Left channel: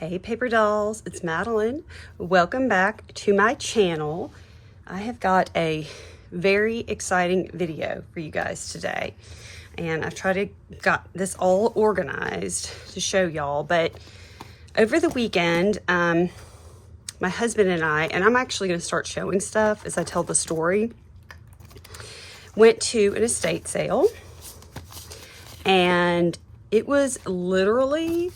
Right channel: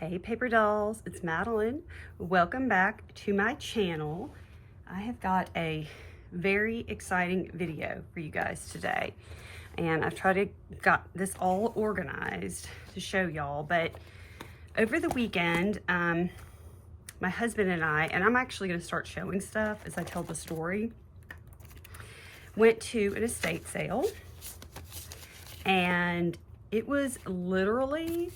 Hey paper dolls, it's Madeline. Welcome back to my channel. I have got a very exciting video for you guys today. And I've tried to got this all organized to show y'all, but over the weekend, my husband and I'm actually gonna start showing stuff as I tell the story, went to an estate sale, and it was literally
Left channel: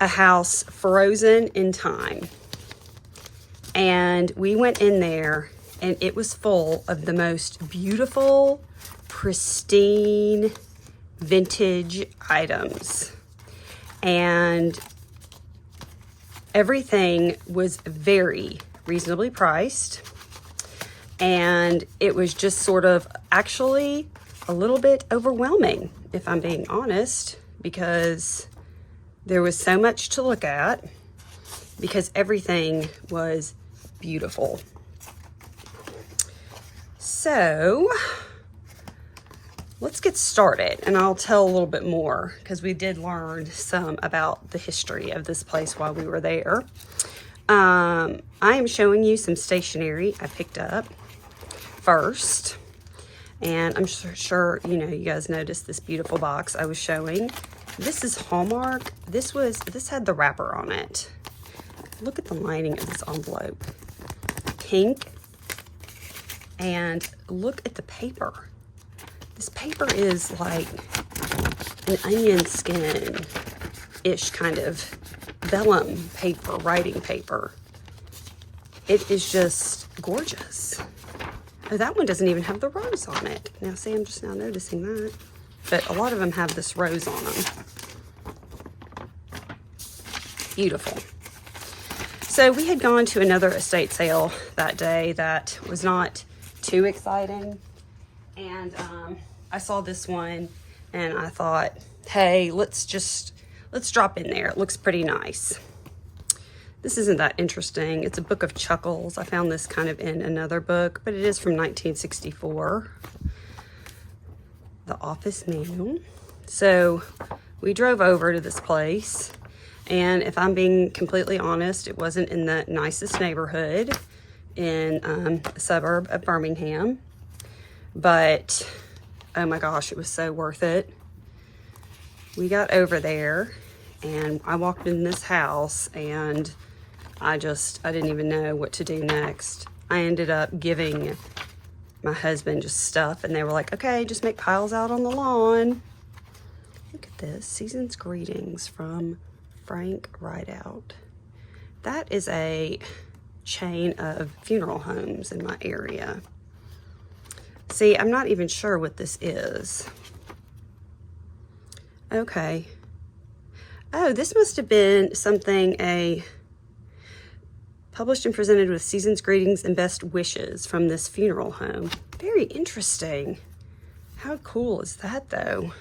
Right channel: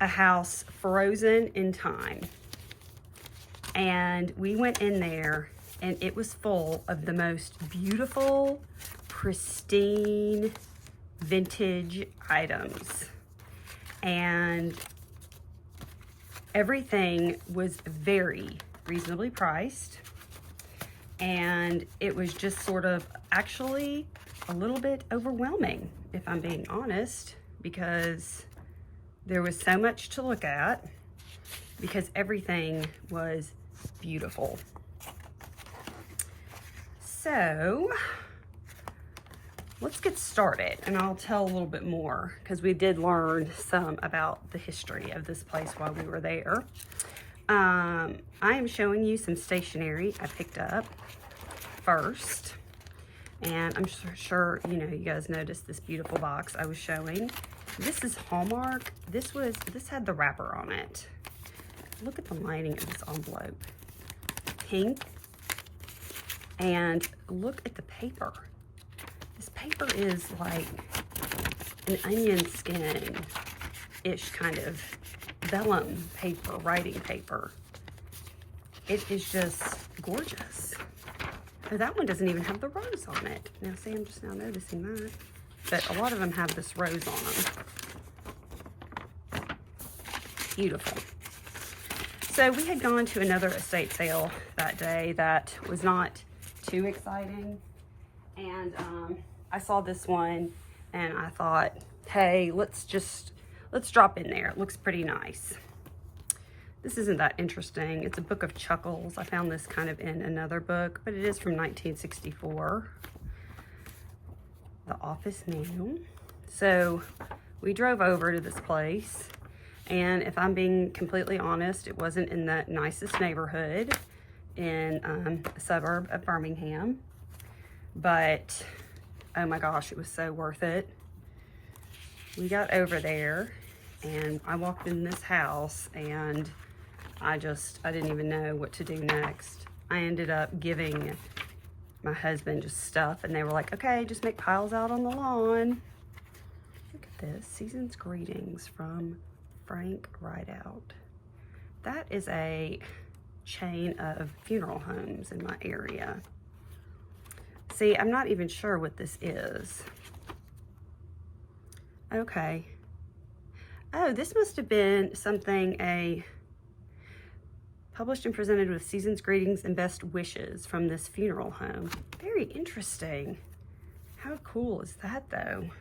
a house frozen in time. And we went in there and it was full of the most beautiful, pristine, vintage items. And everything was very reasonably priced. And it was just sort of actually a little bit overwhelming, if I'm being honest, because there was so much to look at because everything was beautiful. So let's get started and I'll tell a little bit more because we did learn some about the history of this place while we were there. I am showing you some stationery I picked up first. And I'm sure you know, you guys noticed this beautiful box I was showing. This is Hallmark. This had the wrapper on it. Look at the lining of this envelope. Pink. And look at the paper. This paper is like an onion skin-ish kind of vellum paper, writing paper. It is just gorgeous. Oh, that one doesn't even have the rose on it. Now, see, I'm just now noticing that. But a lot of them have this rose on them. Beautiful. So we had gone to another estate sale that day that was not too exciting. And I saw this one and I thought, hey, let's drop in there. It looks pretty nice. This isn't that interesting. It's a book of chuckles. I found this kind of in another book, but it is from 1964. The office manual. So we drove over to this place, and if I'm being completely honest, it wasn't in the nicest neighborhood in a suburb of Birmingham, but oh my gosh, it was so worth it. We got over there and I walked in this house and I didn't even know what to do next. I ended up giving my husband just stuff and they were like, okay, just make piles out on the lawn. Look at this, Season's Greetings from Frank Rideout. That is a chain of funeral homes in my area. See, I'm not even sure what this is. Okay. Oh, this must have been something, published and presented with Season's Greetings and Best Wishes from this funeral home. Very interesting. How cool is that, though?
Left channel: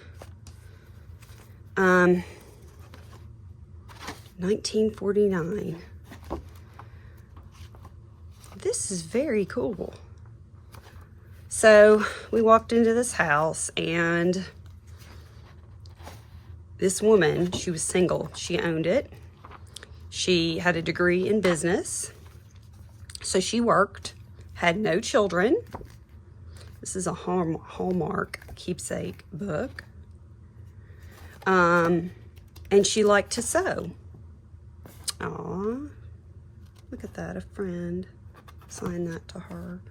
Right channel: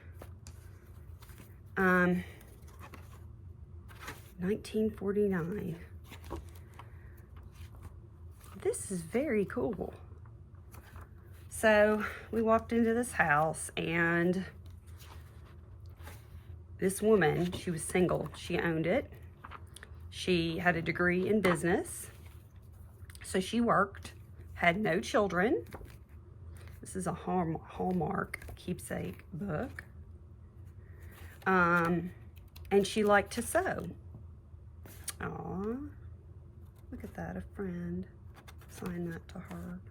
1949. This is very cool. So we walked into this house and this woman, she was single. She owned it. She had a degree in business, so she worked, had no children. This is a Hallmark keepsake book. And she liked to sew. Aw, look at that, a friend signed that to her.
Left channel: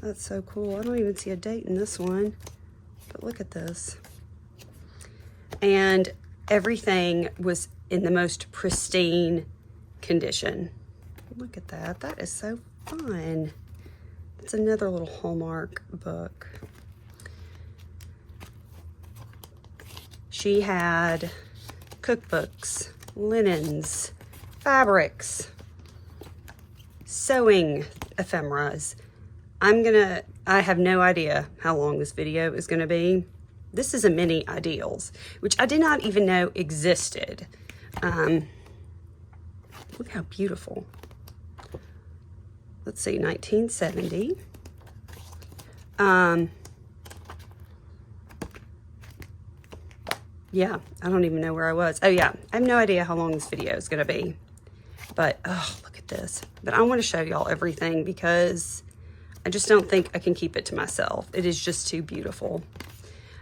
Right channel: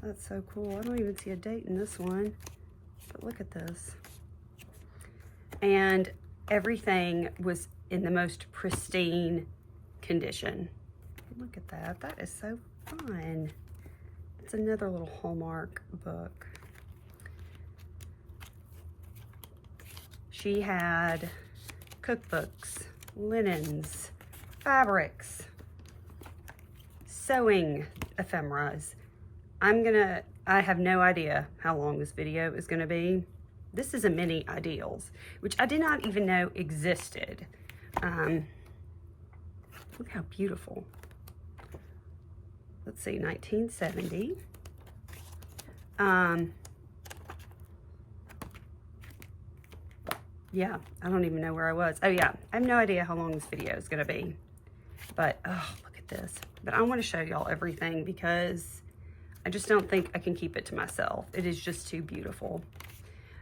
That's so cool. I don't even see a date in this one, but look at this. And everything was in the most pristine condition. Look at that. That is so fun. It's another little Hallmark book. She had cookbooks, linens, fabrics, sewing ephemeras. I have no idea how long this video is going to be. This is a mini Ideals, which I did not even know existed. Look how beautiful. Let's see, 1970. yeah, I don't even know where I was. Oh yeah, I have no idea how long this video is gonna be. But, oh, look at this. But I want to show y'all everything because I just don't think I can keep it to myself. It is just too beautiful.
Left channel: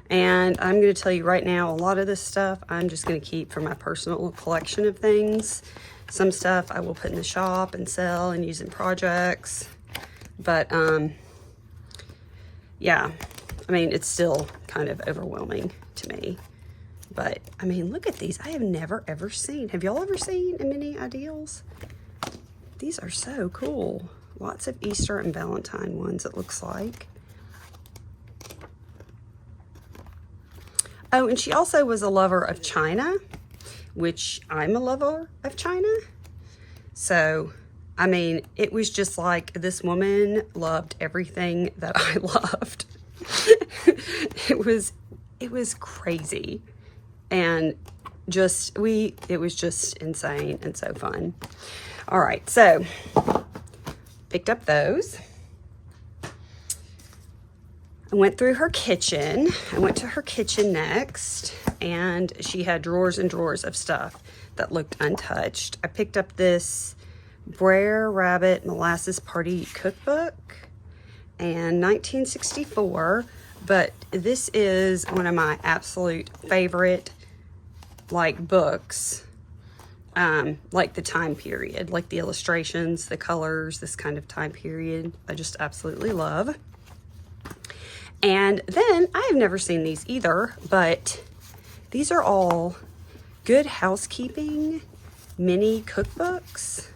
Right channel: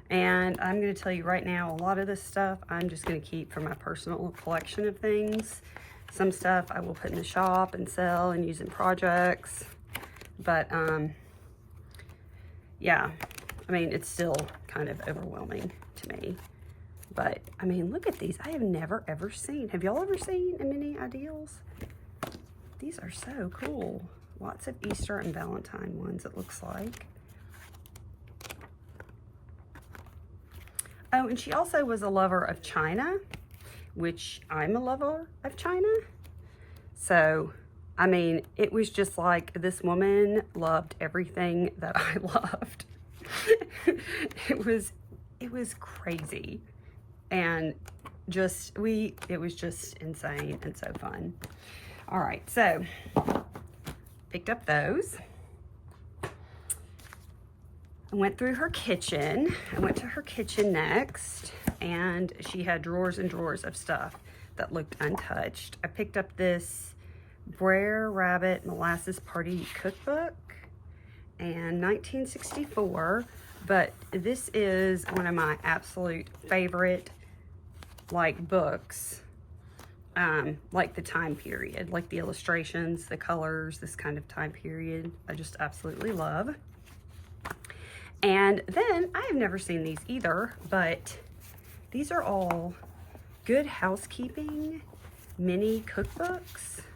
And I'm going to tell you right now, a lot of this stuff I'm just going to keep for my personal collection of things. Some stuff I will put in the shop and sell and use in projects. But, yeah, I mean, it's still kind of overwhelming to me. But, I mean, look at these. I have never, ever seen. Have y'all ever seen a mini ideals? These are so cool. Lots of Easter and Valentine ones, it looks like. Oh, and she also was a lover of China, which I'm a lover of China. So, I mean, it was just like this woman loved everything that I loved. It was crazy. And just, it was just insane and so fun. All right, so picked up those. I went through her kitchen. I went to her kitchen next, and she had drawers and drawers of stuff that looked untouched. I picked up this Brer Rabbit Molasses Party cookbook and 1964, but this is one of my absolute favorite like books, like the time period, like the illustrations, the colors, this kind of time period, I just absolutely love. And then I have never seen these either, but these are all Good Housekeeping mini cookbooks.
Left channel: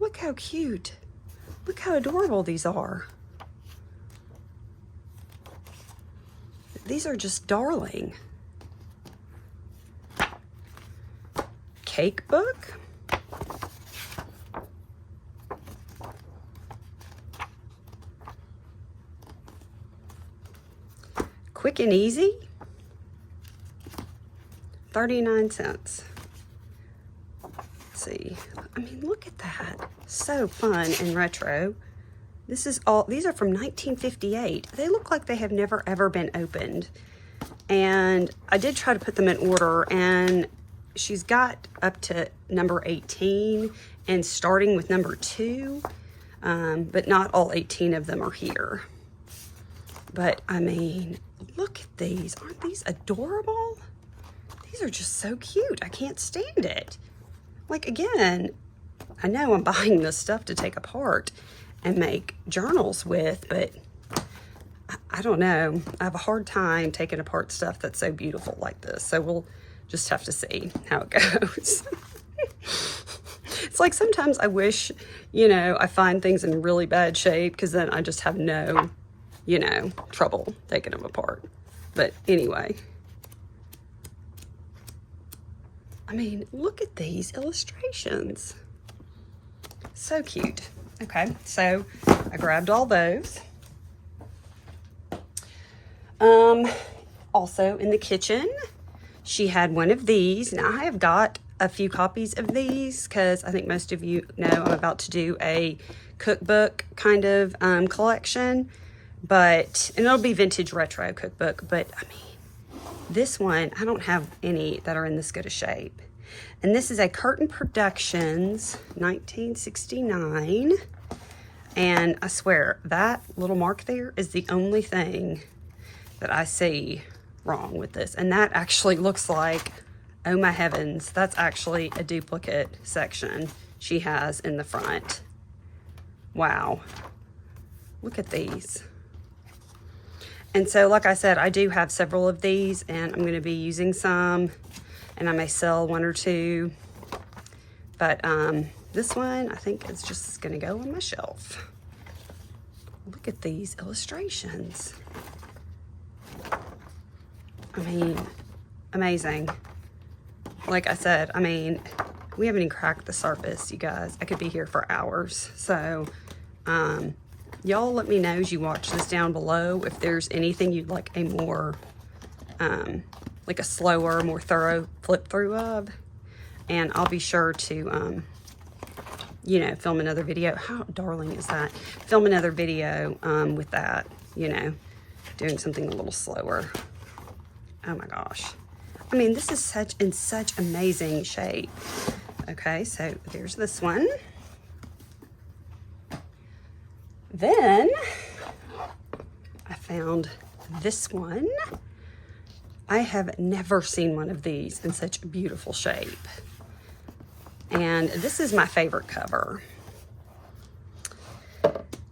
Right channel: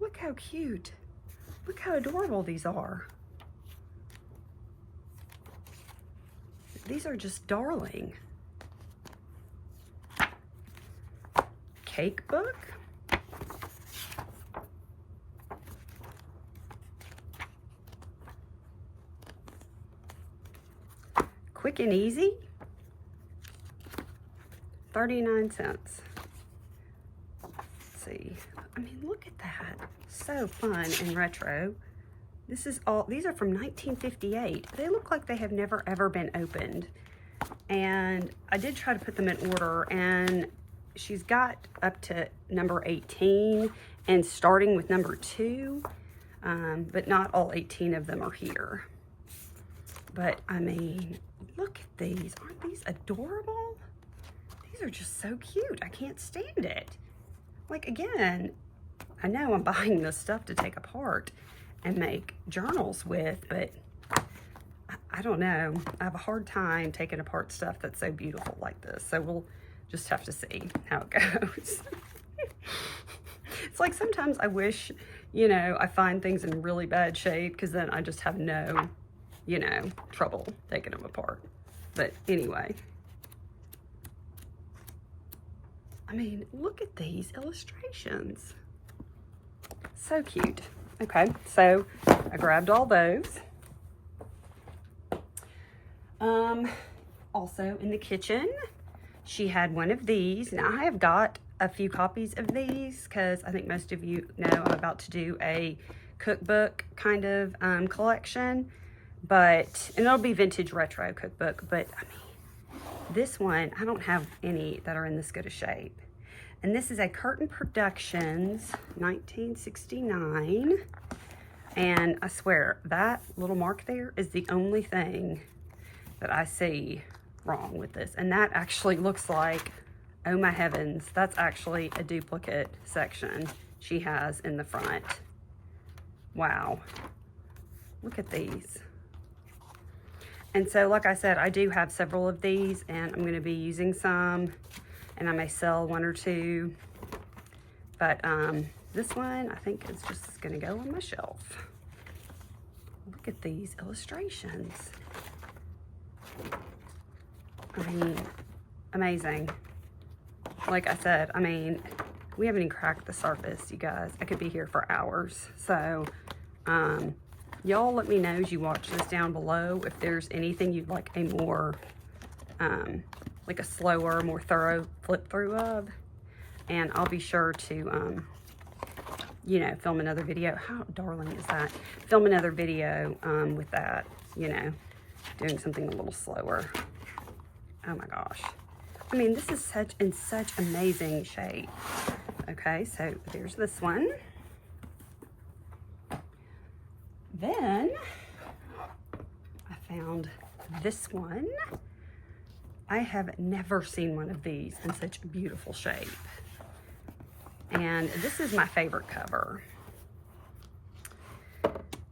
Look how cute. Look how adorable these are. These are just darling. Cake book. Quick and Easy. 39 cents. Let's see. I mean, look at that. So fun and retro. This is all, these are from 1958. They look like they have never ever been opened. And I did try to put them in order, and she's got up to number 18 and starting with number 2, but not all 18 of them are here. But I mean, look at these. Aren't these adorable? These are just so cute. I can't stand it. Like, again, I know I'm buying this stuff to take apart and make journals with, but I don't know. I have a hard time taking apart stuff that's so beautiful like this. So we'll just have to see how it goes. It's like sometimes I wish, you know, I find things in really bad shape, because then I just have no, you know, trouble taking them apart. But anyway, I mean, look at these illustrations. So cute. Okay, so I grabbed all those. Also in the kitchen, she had one of these. Now I have got a few copies of these because I think most of you know I'm about to do a cookbook kind of collection, but, and it'll be vintage retro cookbook, but I mean, this one, I don't have any that are in this good a shape. And this is a Curtain Productions 1969. And I swear that little mark there is the only thing that I see wrong with this. And that actually looks like, oh my heavens, that's actually a duplicate section she has in the front. Wow. Look at these. And so, like I said, I do have several of these, and I'm going to be using some, and I may sell one or two. But this one, I think, is just going to go on my shelf. Look at these illustrations. I mean, amazing. Like I said, I mean, we haven't even cracked the surface, you guys. I could be here for hours. So, y'all let me know as you watch this down below if there's anything you'd like a more, like a slower, more thorough flip through of. And I'll be sure to, you know, film another video. How darling is that? Film another video with that, you know, doing something a little slower. Oh my gosh. I mean, this is such amazing shape. Okay, so there's this one. Then I found this one. I have never seen one of these in such a beautiful shape. And this is my favorite cover.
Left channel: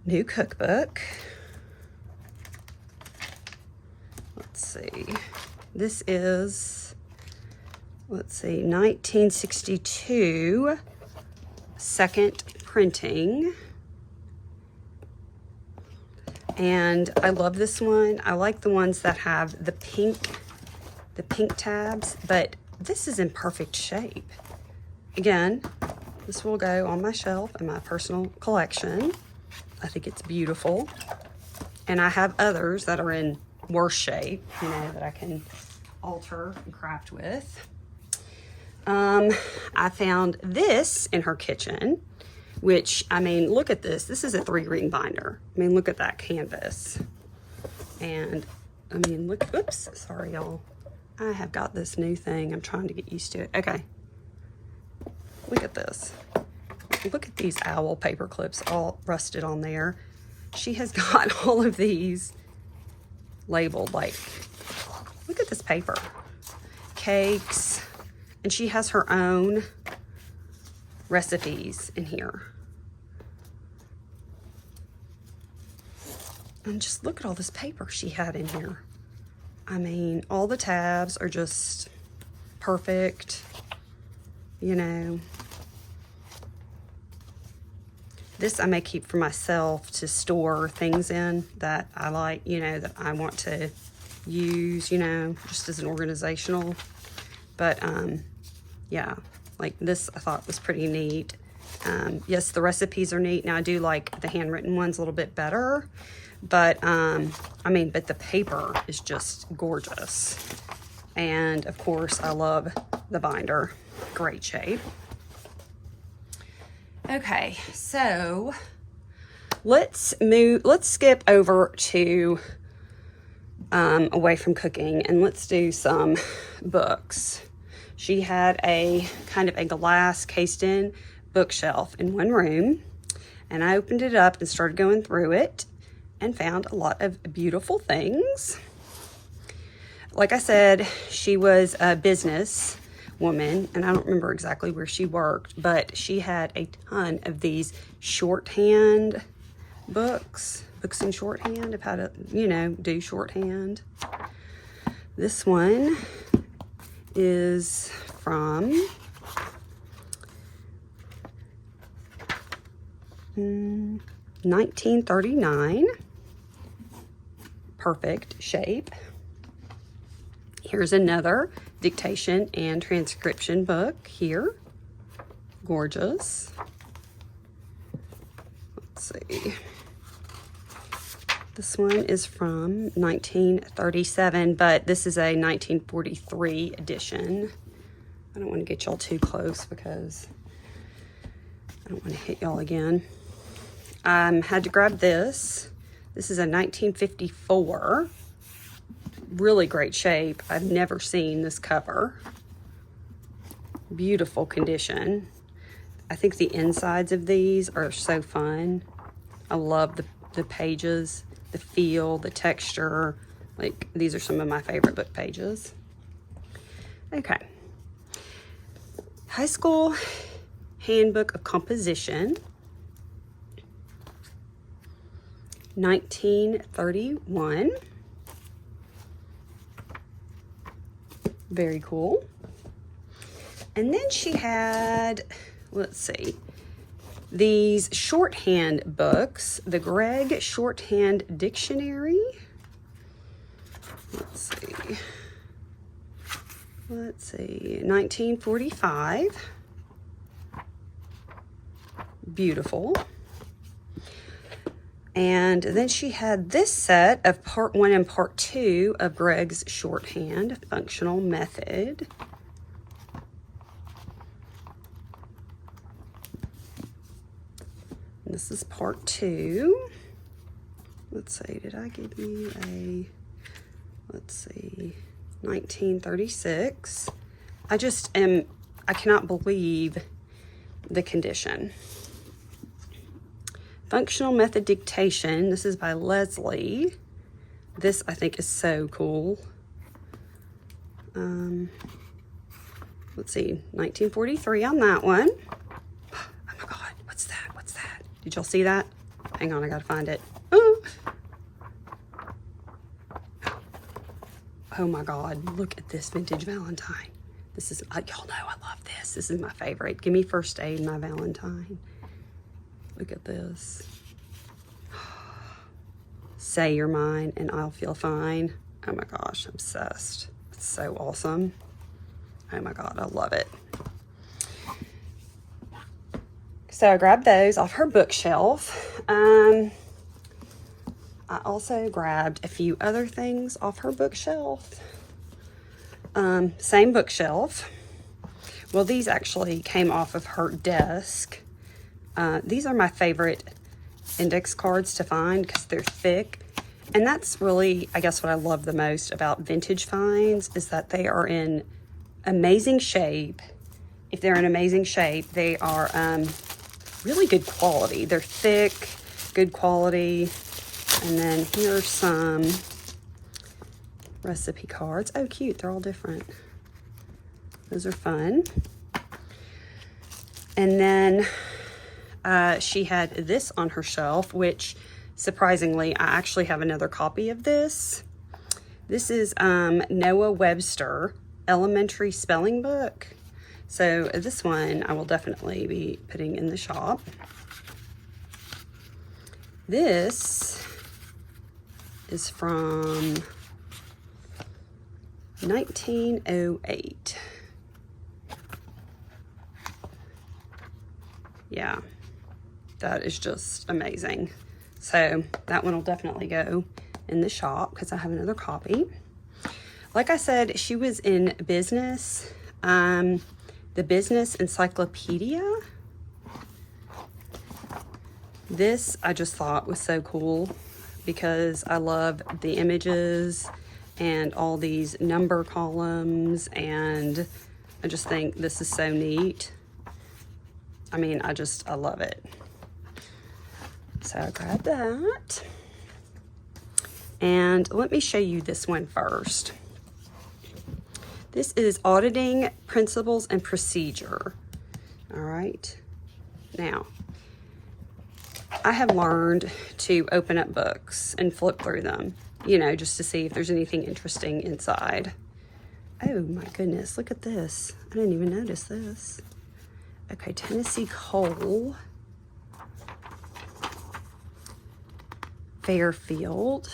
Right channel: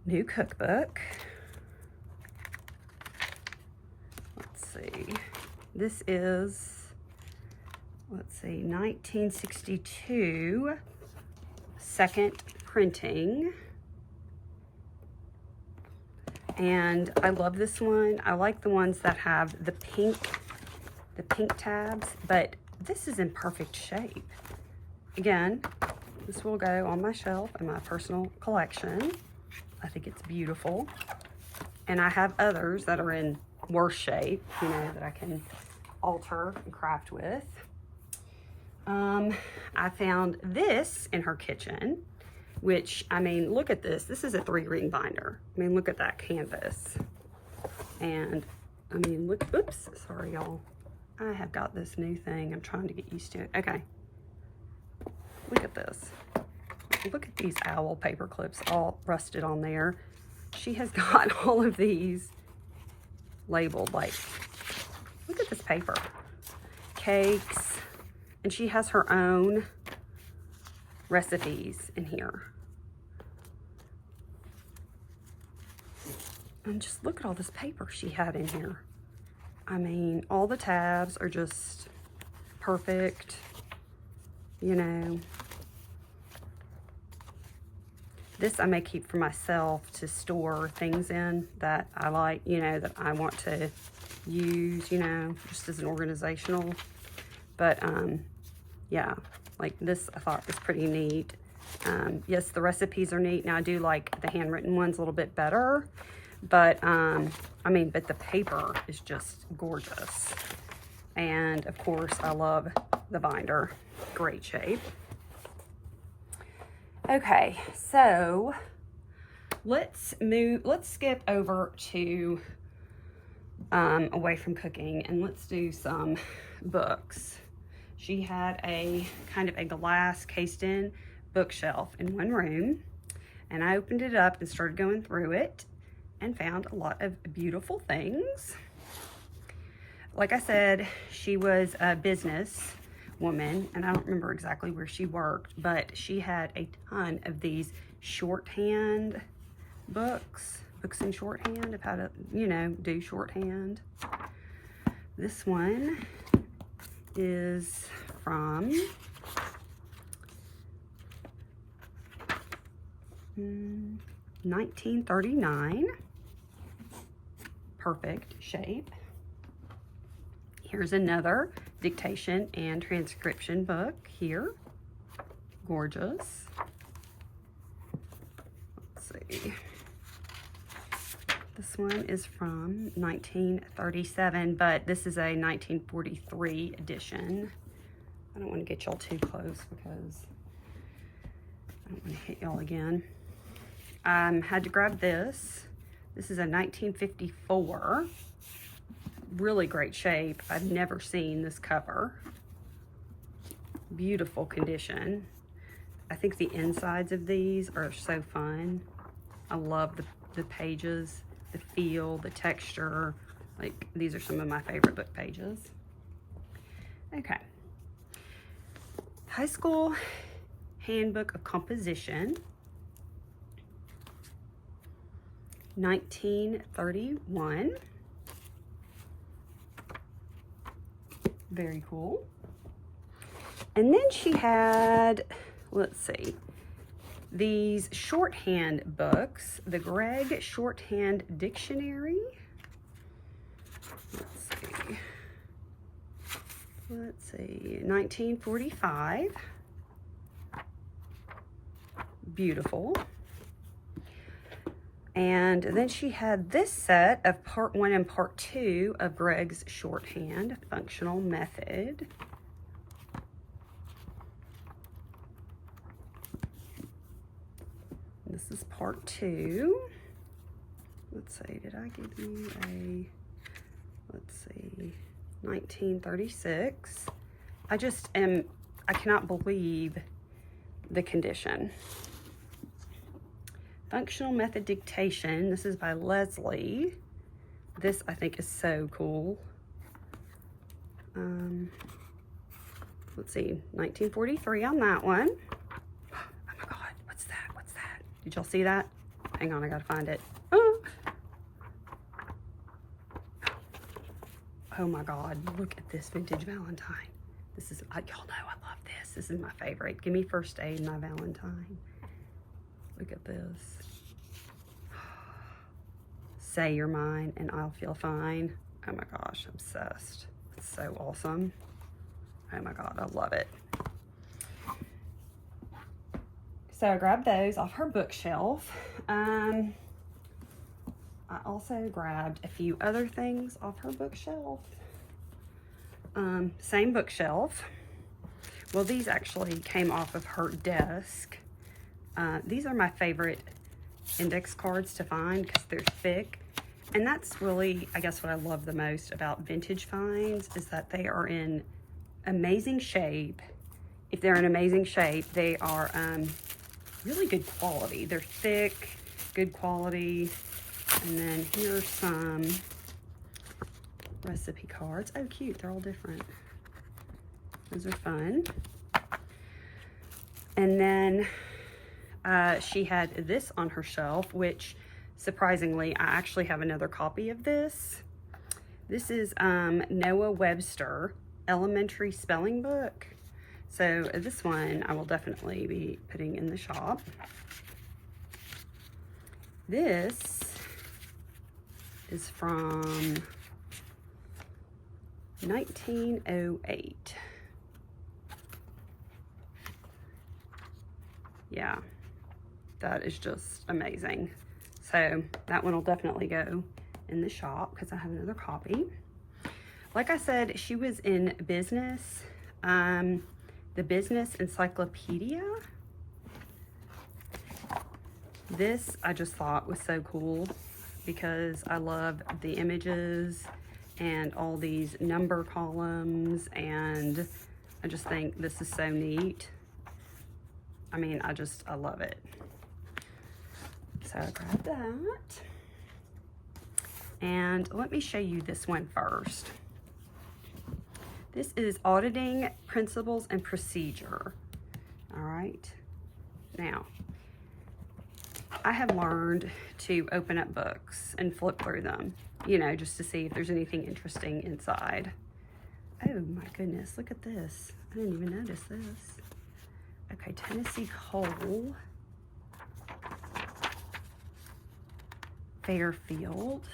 New cookbook. Let's see. This is, let's see, 1962 second printing. And I love this one. I like the ones that have the pink tabs, but this is in perfect shape. Again, this will go on my shelf in my personal collection. I think it's beautiful. And I have others that are in worse shape, you know, that I can alter and craft with. I found this in her kitchen, which, I mean, look at this. This is a 3-ring binder. I mean, look at that canvas. And, I mean, look, oops, sorry, y'all. I have got this new thing. I'm trying to get used to it. Okay. Look at this. Look at these owl paper clips all rusted on there. She has got all of these labeled, like, look at this paper. Cakes. And she has her own recipes in here. And just look at all this paper she had in here. I mean, all the tabs are just perfect, you know. This I may keep for myself to store things in that I like, you know, that I want to use, you know, just as an organizational. But, yeah, like this I thought was pretty neat. Yes, the recipes are neat. Now, I do like the handwritten ones a little bit better. But, I mean, but the paper is just gorgeous. And, of course, I love the binder. Great shape. Okay, so let's skip over to away from cooking, and let's do some books. She had a kind of a glass cased in bookshelf in one room, and I opened it up and started going through it and found a lot of beautiful things. Like I said, she was a business woman, and I don't remember exactly where she worked, but she had a ton of these shorthand books in shorthand of how to, you know, do shorthand. This one is from 1939. Perfect shape. Here's another dictation and transcription book here. Gorgeous. Let's see. This one is from 1937, but this is a 1943 edition. I don't want to get y'all too close because I don't want to hit y'all again. Had to grab this. This is a 1954. Really great shape. I've never seen this cover. Beautiful condition. I think the insides of these are so fun. I love the pages, the feel, the texture. Like, these are some of my favorite book pages. Okay. High School Handbook of Composition. 1931. Very cool. And then she had, let's see, these shorthand books, the Gregg Shorthand Dictionary. Let's see, 1945. Beautiful. And then she had this set of part 1 and part 2 of Gregg's Shorthand Functional Method. This is part 2. Let's see, did I give you a, let's see, 1936. I cannot believe the condition. Functional Method Dictation. This is by Leslie. This I think is so cool. Let's see, 1943 on that one. Oh my God, what's that? What's that? Did y'all see that? Hang on, I gotta find it. Oh my God, look at this vintage Valentine. This is, y'all know I love this. This is my favorite. Give me First Aid, my Valentine. Look at this. Say you're mine and I'll feel fine. Oh my gosh, obsessed. It's so awesome. Oh my God, I love it. So I grabbed those off her bookshelf. I also grabbed a few other things off her bookshelf. Same bookshelf. Well, these actually came off of her desk. These are my favorite index cards to find because they're thick. And that's really, I guess, what I love the most about vintage finds is that they are in amazing shape. If they're in amazing shape, they are really good quality. They're thick, good quality. And then here's some recipe cards. Oh, cute. They're all different. Those are fun. And then she had this on her shelf, which surprisingly, I actually have another copy of this. This is Noah Webster Elementary Spelling Book. So this one I will definitely be putting in the shop. This is from 1908. Yeah, that is just amazing. So that one will definitely go in the shop because I have another copy. Like I said, she was in business, the Business Encyclopedia. This I just thought was so cool because I love the images and all these number columns, and I just think this is so neat. I mean, I love it. So I grabbed that. And let me show you this one first. This is Auditing Principles and Procedure. All right. Now, I have learned to open up books and flip through them, you know, just to see if there's anything interesting inside. Oh my goodness, look at this. I didn't even notice this. Okay, Tennessee Coal. Fairfield.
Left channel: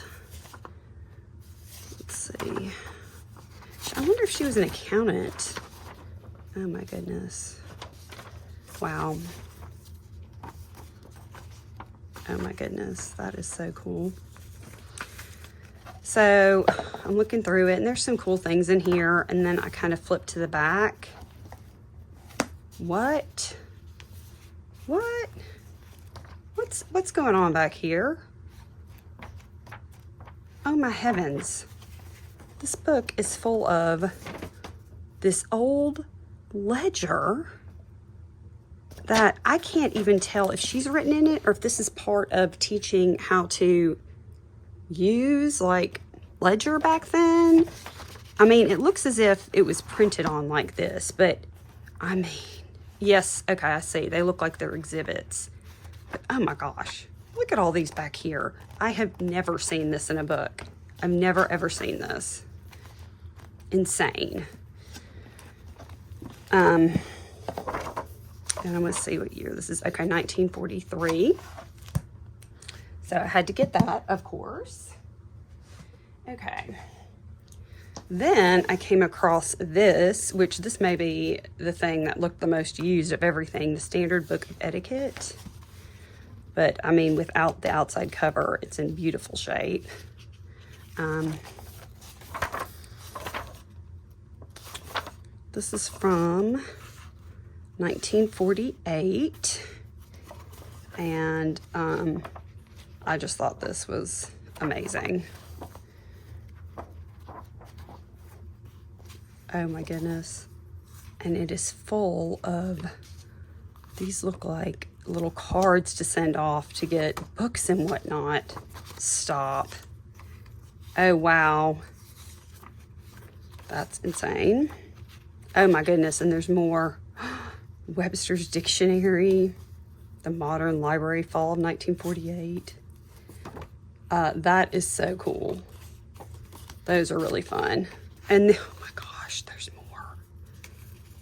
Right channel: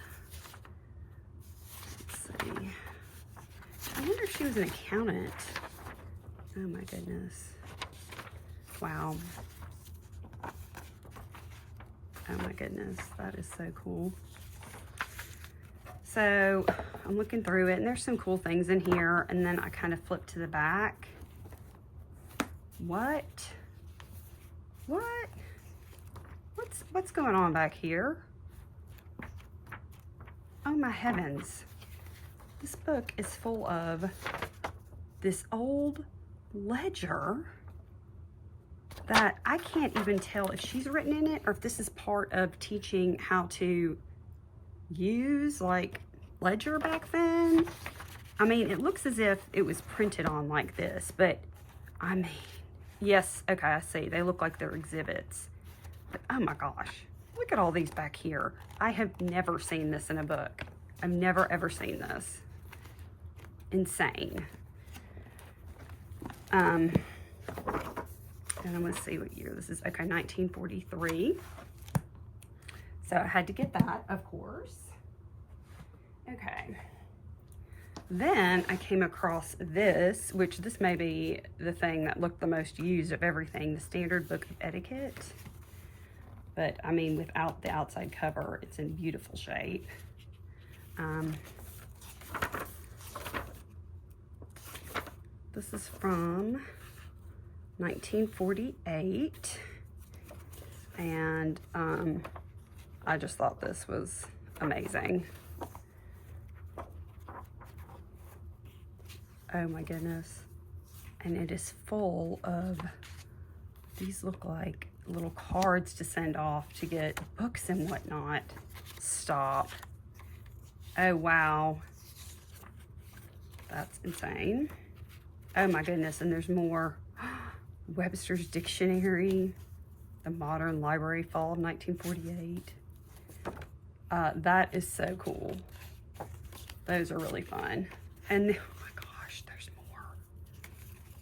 Let's see. I wonder if she was an accountant. Oh my goodness. Wow. Oh my goodness, that is so cool. So I'm looking through it and there's some cool things in here, and then I kind of flip to the back. What? What's going on back here? Oh my heavens. This book is full of this old ledger that I can't even tell if she's written in it or if this is part of teaching how to use like ledger back then. I mean, it looks as if it was printed on like this, but I mean, yes, okay, I see. They look like they're exhibits. But oh my gosh, look at all these back here. I have never seen this in a book. I've never ever seen this. Insane. And I'm gonna see what year this is. Okay, 1943. So I had to get that, of course. Okay. Then I came across this, which this may be the thing that looked the most used of everything, the Standard Book of Etiquette. But I mean, without the outside cover, it's in beautiful shape. This is from 1948, and I just thought this was amazing. Oh my goodness. And it is full of, these look like little cards to send off to get books and whatnot. Stop. Oh wow. That's insane. Oh my goodness, and there's more. Webster's Dictionary, the Modern Library, Fall of 1948. That is so cool. Those are really fun. And oh my gosh, there's more.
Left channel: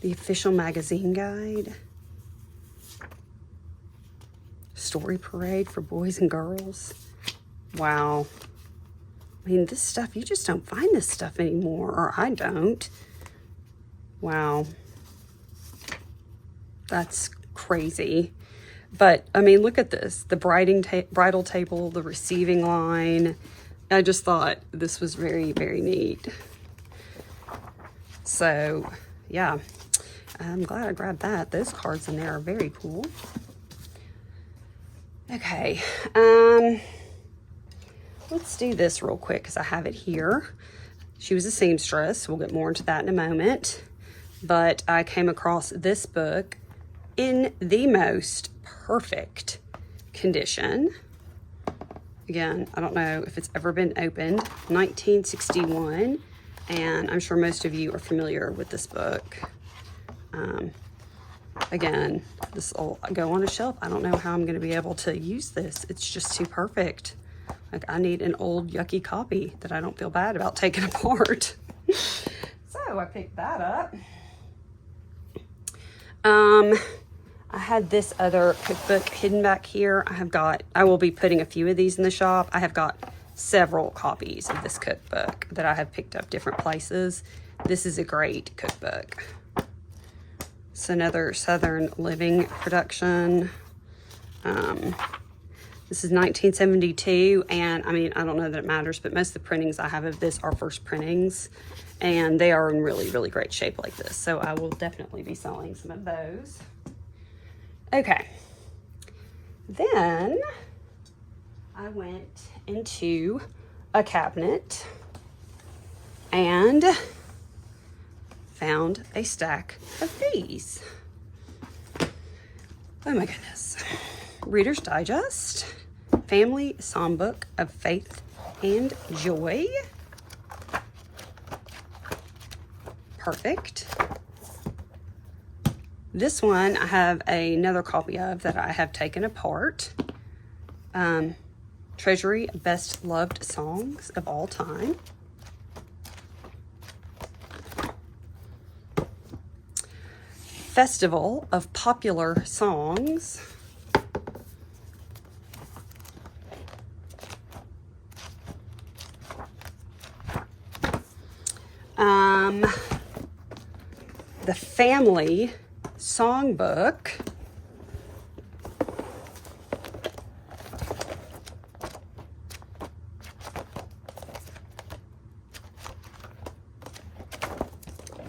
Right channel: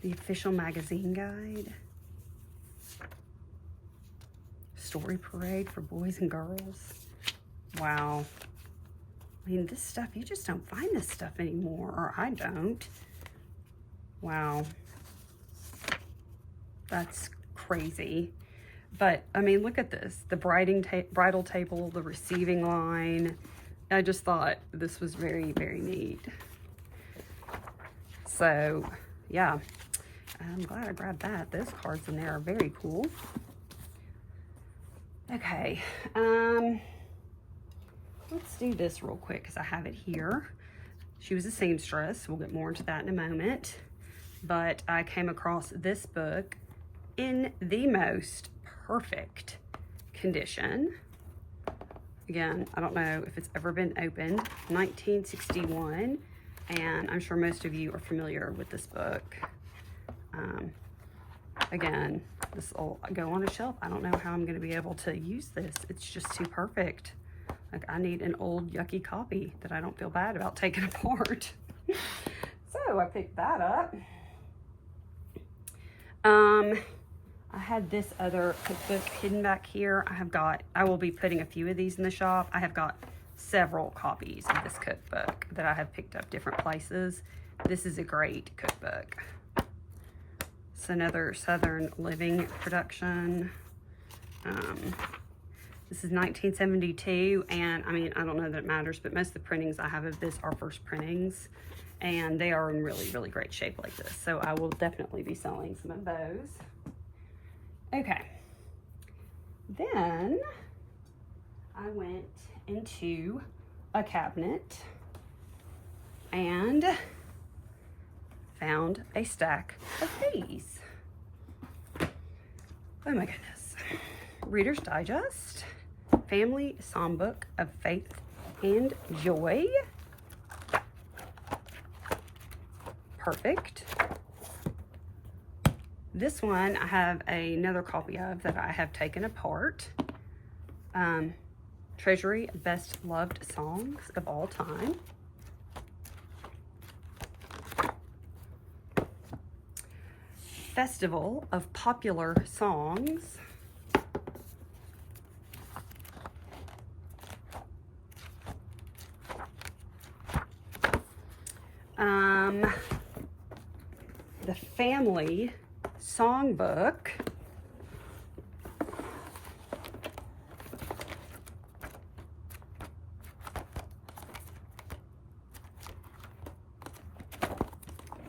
The Official Magazine Guide. Story Parade for Boys and Girls. Wow. I mean, this stuff, you just don't find this stuff anymore, or I don't. Wow. That's crazy. But, I mean, look at this. The bridal table, the receiving line. I just thought this was very, very neat. So, yeah. I'm glad I grabbed that. Those cards in there are very cool. Okay. Let's do this real quick because I have it here. She was a seamstress. We'll get more into that in a moment. But I came across this book in the most perfect condition. Again, I don't know if it's ever been opened. 1961, and I'm sure most of you are familiar with this book. Again, this will go on a shelf. I don't know how I'm going to be able to use this. It's just too perfect. Like, I need an old yucky copy that I don't feel bad about taking apart. So I picked that up. I had this other cookbook hidden back here. I will be putting a few of these in the shop. I have got several copies of this cookbook that I have picked up different places. This is a great cookbook. It's another Southern Living production. This is 1972, and I mean, I don't know that it matters, but most of the printings I have of this are first printings, and they are in really, really great shape like this. So I will definitely be selling some of those. Okay. Then I went into a cabinet and found a stack of these. Oh my goodness. Reader's Digest, Family Songbook of Faith and Joy. Perfect. This one I have another copy of that I have taken apart. Treasury of Best Loved Songs of All Time. Festival of Popular Songs. The Family Songbook.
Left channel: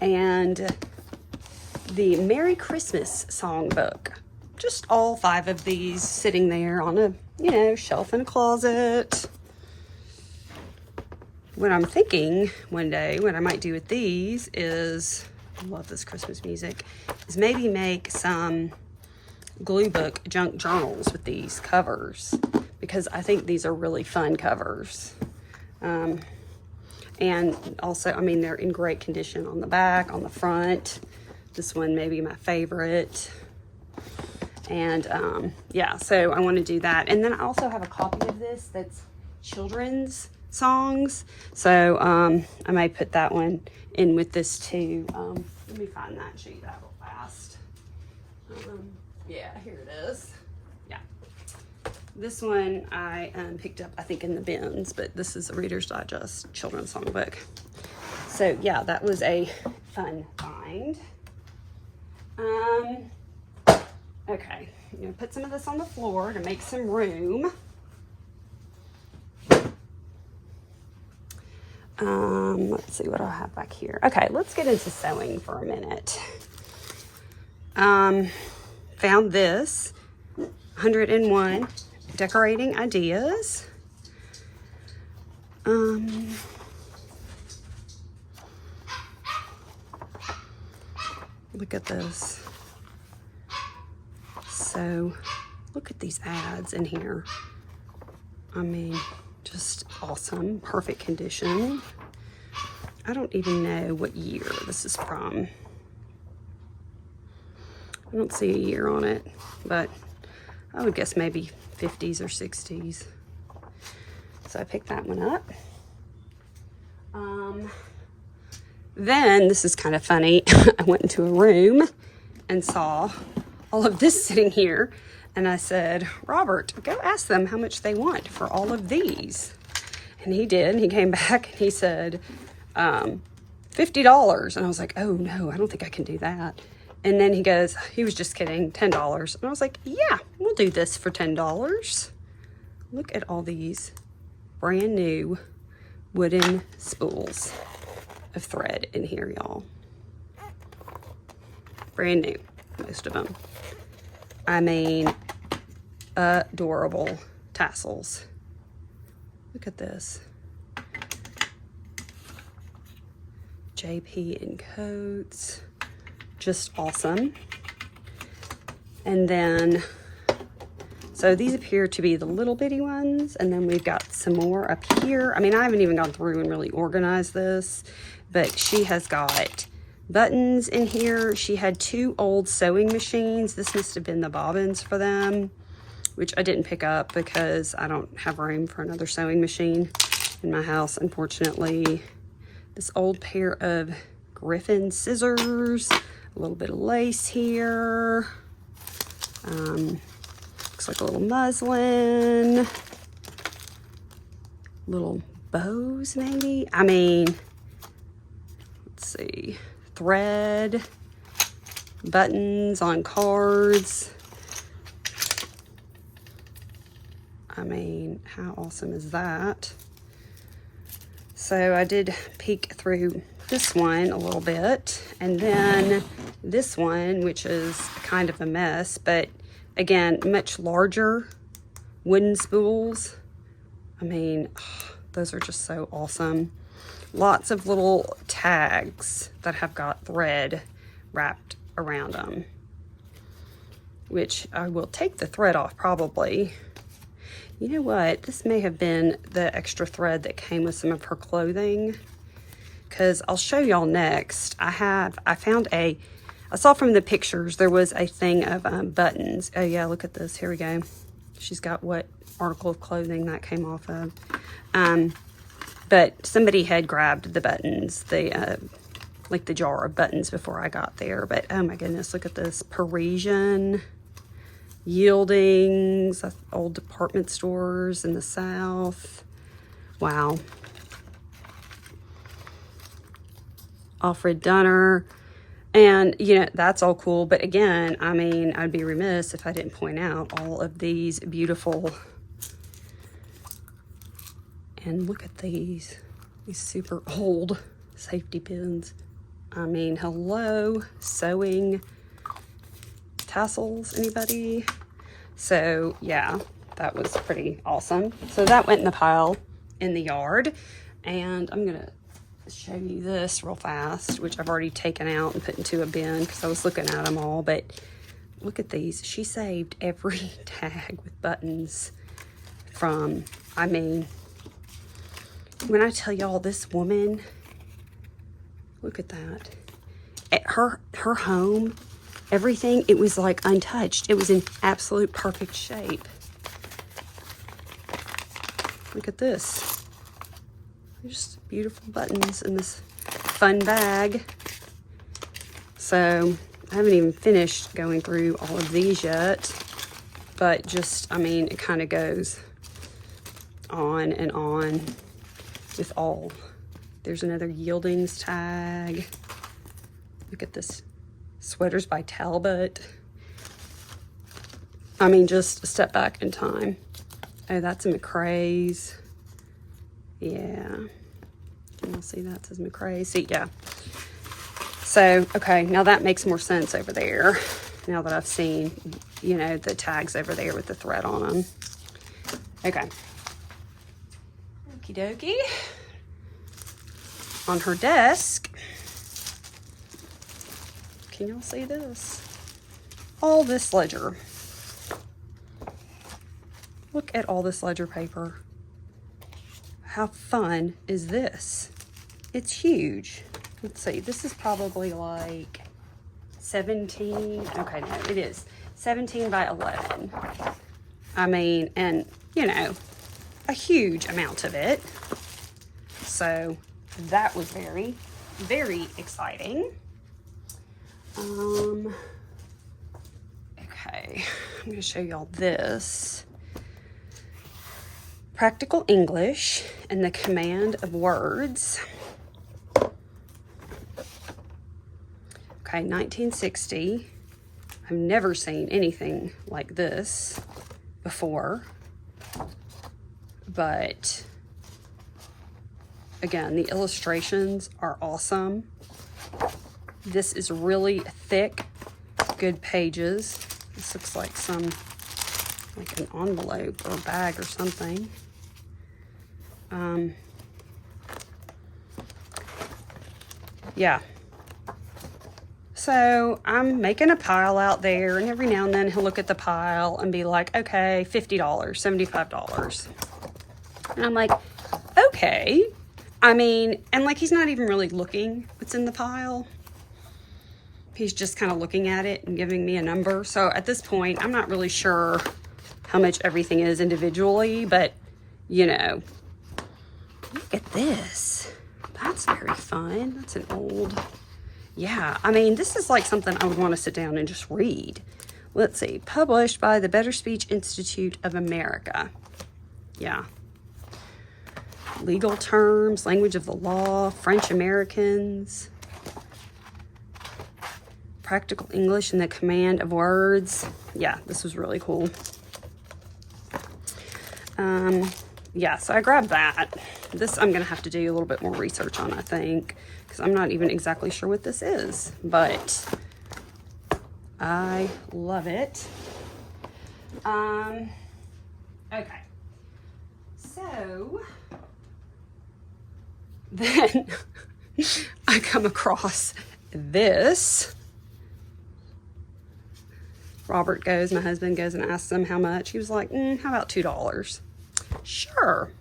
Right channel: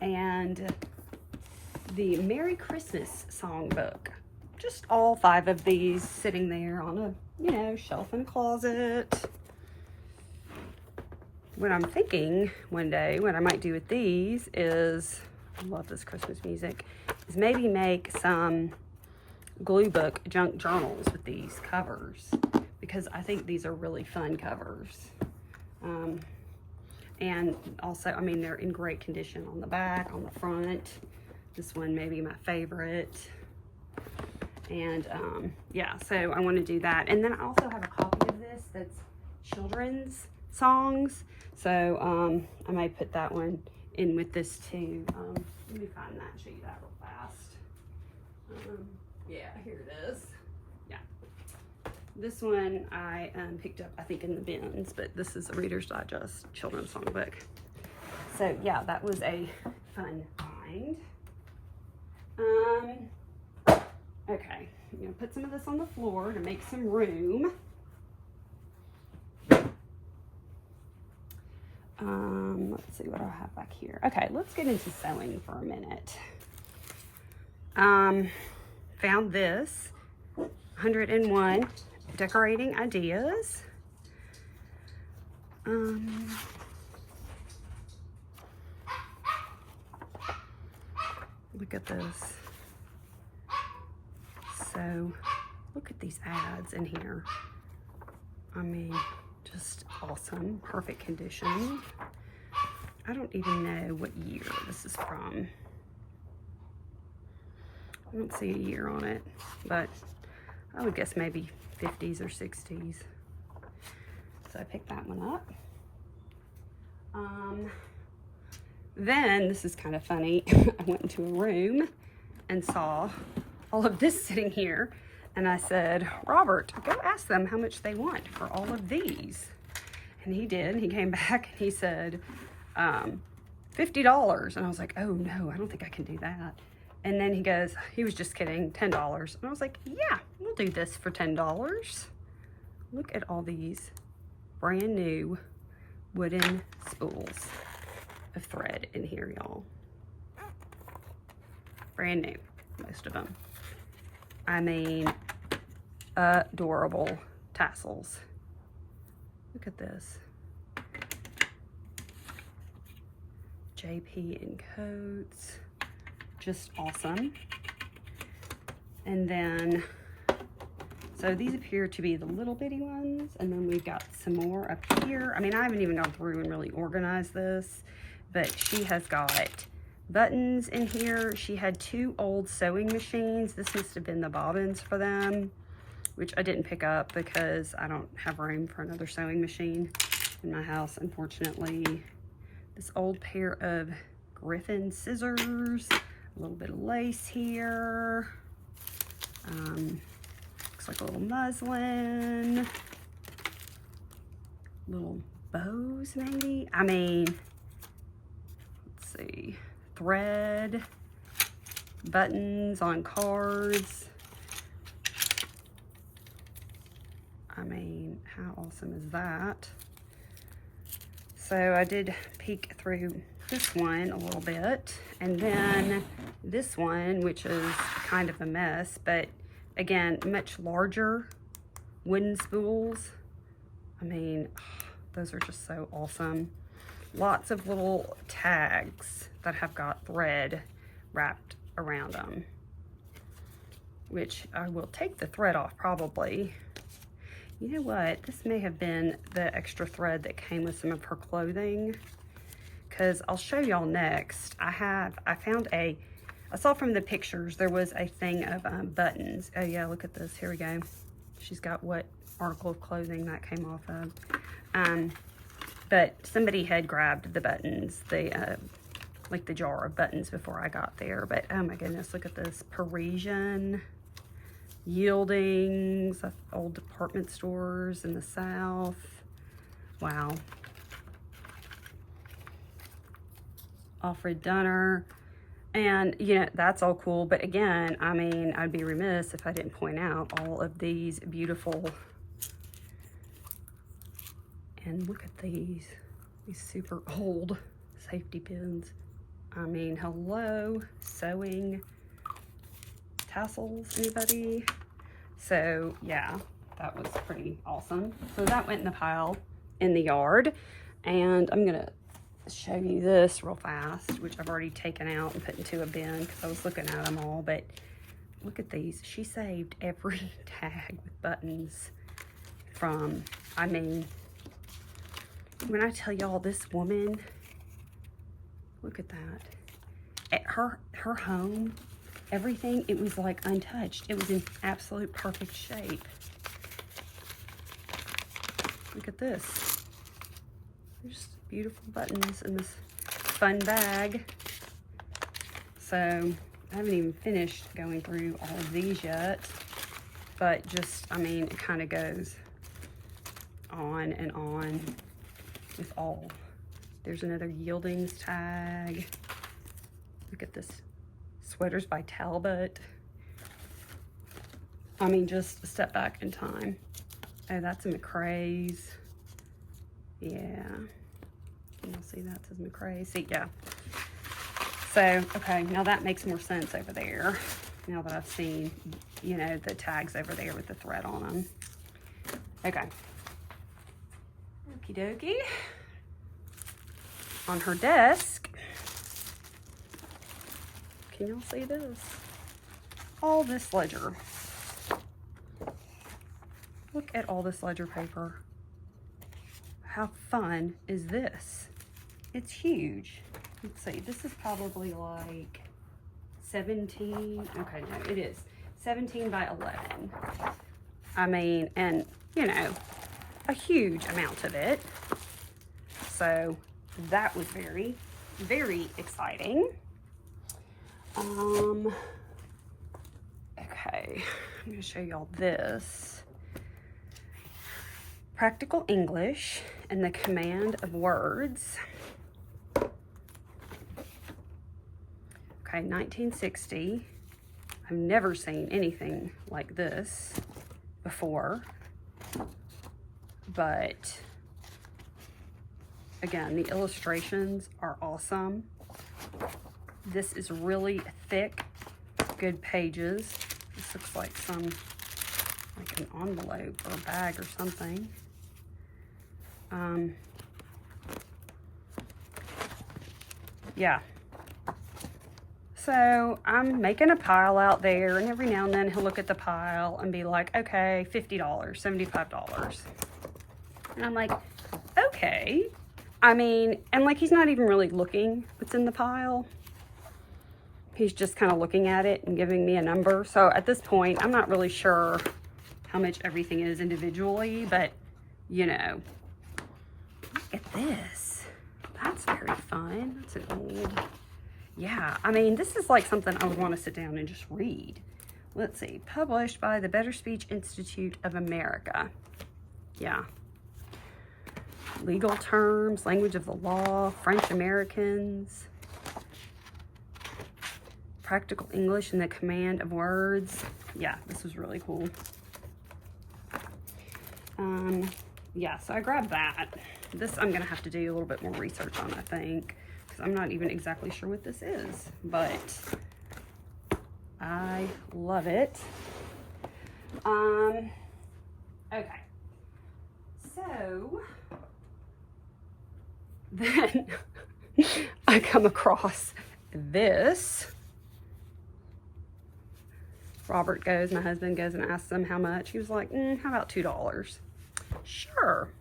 And the Merry Christmas Songbook. Just all 5 of these sitting there on a, you know, shelf in a closet. What I'm thinking one day, what I might do with these is, I love this Christmas music, is maybe make some glue book junk journals with these covers, because I think these are really fun covers. And also, I mean, they're in great condition on the back, on the front. This one may be my favorite. And yeah, so I want to do that. And then I also have a copy of this that's children's songs. So I may put that one in with this too. Let me find that and show you that real fast. Yeah, here it is. Yeah. This one I picked up, I think, in the bins, but this is a Reader's Digest children's songbook. So yeah, that was a fun find. Okay, I'm gonna put some of this on the floor to make some room. Let's see what I have back here. Okay, let's get into sewing for a minute. Found this 101 decorating ideas. Look at this. So look at these ads in here. I mean, just awesome, perfect condition. I don't even know what year this is from. I don't see a year on it, but I would guess maybe 50s or 60s. So I picked that one up. Then, this is kind of funny, I went into a room and saw all of this sitting here, and I said, Robert, go ask them how much they want for all of these. And he did, and he came back and he said, $50. And I was like, oh no, I don't think I can do that. And then he goes, he was just kidding, $10. And I was like, yeah, we'll do this for $10. Look at all these brand new wooden spools of thread in here, y'all. Brand new, most of them. I mean, adorable tassels. Look at this. JP and Coats. Just awesome. And then, so these appear to be the little bitty ones, and then we've got some more up here. I mean, I haven't even gone through and really organized this, but she has got buttons in here. She had 2 old sewing machines. This must have been the bobbins for them, which I didn't pick up because I don't have room for another sewing machine in my house, unfortunately. This old pair of Griffin scissors, a little bit of lace here. Looks like a little muslin, little bows maybe. I mean, let's see, thread, buttons on cards. I mean, how awesome is that? So I did peek through this one a little bit, and then this one, which is kind of a mess, but again, much larger wooden spools. I mean, those are just so awesome. Lots of little tags that have got thread wrapped around them, which I will take the thread off probably. You know what? This may have been the extra thread that came with some of her clothing, because I'll show y'all next. I saw from the pictures there was a thing of buttons. Oh yeah, look at this. Here we go. She's got what article of clothing that came off of. But somebody had grabbed the buttons, like the jar of buttons before I got there. But oh my goodness, look at this. Parisian Yieldings, old department stores in the South. Wow. Alfred Dunner. And, you know, that's all cool. But again, I mean, I'd be remiss if I didn't point out all of these beautiful. And look at these super old safety pins. I mean, hello, sewing tassels, anybody? So yeah, that was pretty awesome. So that went in the pile in the yard, and I'm gonna show you this real fast, which I've already taken out and put into a bin because I was looking at them all. But look at these. She saved every tag with buttons from, I mean, when I tell y'all, this woman, look at that. At her home, everything, it was like untouched. It was in absolute perfect shape. Look at this. Just beautiful buttons in this fun bag. So I haven't even finished going through all of these yet, but just, I mean, it kind of goes on and on with all. There's another Yieldings tag. Look at this. Sweaters by Talbot. I mean, just a step back in time. Oh, that's a McRae's. Yeah. Can y'all see that? It says McRae's. See, yeah. So, okay, now that makes more sense over there. Now that I've seen, you know, the tags over there with the thread on them. Okay. Okie dokie. On her desk, Can y'all see this? All this ledger. Look at all this ledger paper. How fun is this? It's huge. Let's see, this is probably like 17, okay, no, it is 17 by 11. I mean, and you know, a huge amount of it. So that was very, very exciting. Okay, I'm gonna show y'all this. Practical English and the Command of Words. Okay, 1960. I've never seen anything like this before. But again, the illustrations are awesome. This is really thick, good pages. This looks like like an envelope or a bag or something. Yeah. So I'm making a pile out there, and every now and then he'll look at the pile and be like, okay, $50, $75. And I'm like, okay. I mean, and like he's not even really looking what's in the pile. He's just kind of looking at it and giving me a number. So at this point, I'm not really sure how much everything is individually, but you know, look at this. That's very fun. That's an old, yeah. I mean, this is like something I would want to sit down and just read. Let's see, published by the Better Speech Institute of America. Yeah. Legal terms, language of the law, French Americans, practical English and the command of words. Yeah, this was really cool. Yeah, so I grabbed that. This I'm gonna have to do a little bit more research on, I think, because I'm not even exactly sure what this is, but I love it. Okay, so then I come across this. Robert goes, my husband goes and asks him how much. He was like, how about $2? Sure.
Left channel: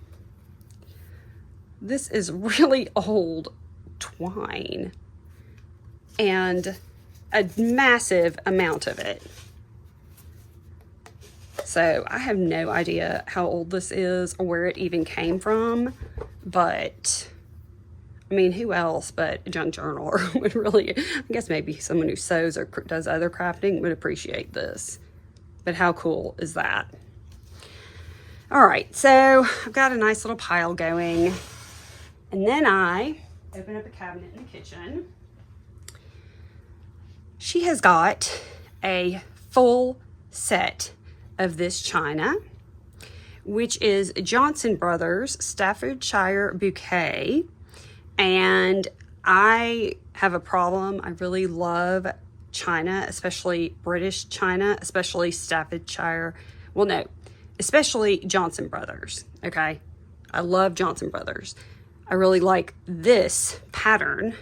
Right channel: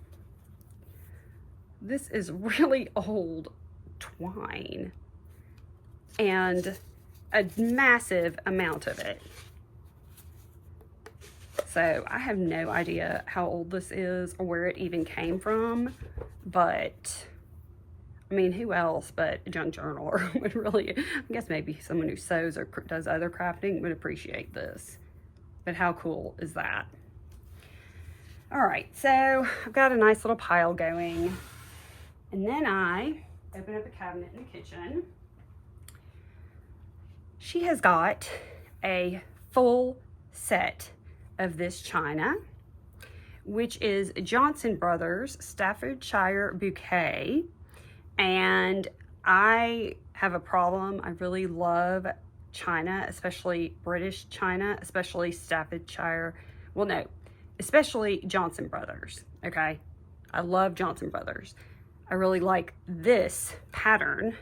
This is really old twine and a massive amount of it. So I have no idea how old this is or where it even came from, but I mean, who else but a junk journaler would really, I guess maybe someone who sews or does other crafting would appreciate this. But how cool is that? All right, so I've got a nice little pile going. And then I open up a cabinet in the kitchen. She has got a full set of this china, which is Johnson Brothers Staffordshire Bouquet. And I have a problem. I really love china, especially British china, especially Staffordshire. Well, no, especially Johnson Brothers, okay? I love Johnson Brothers. I really like this pattern.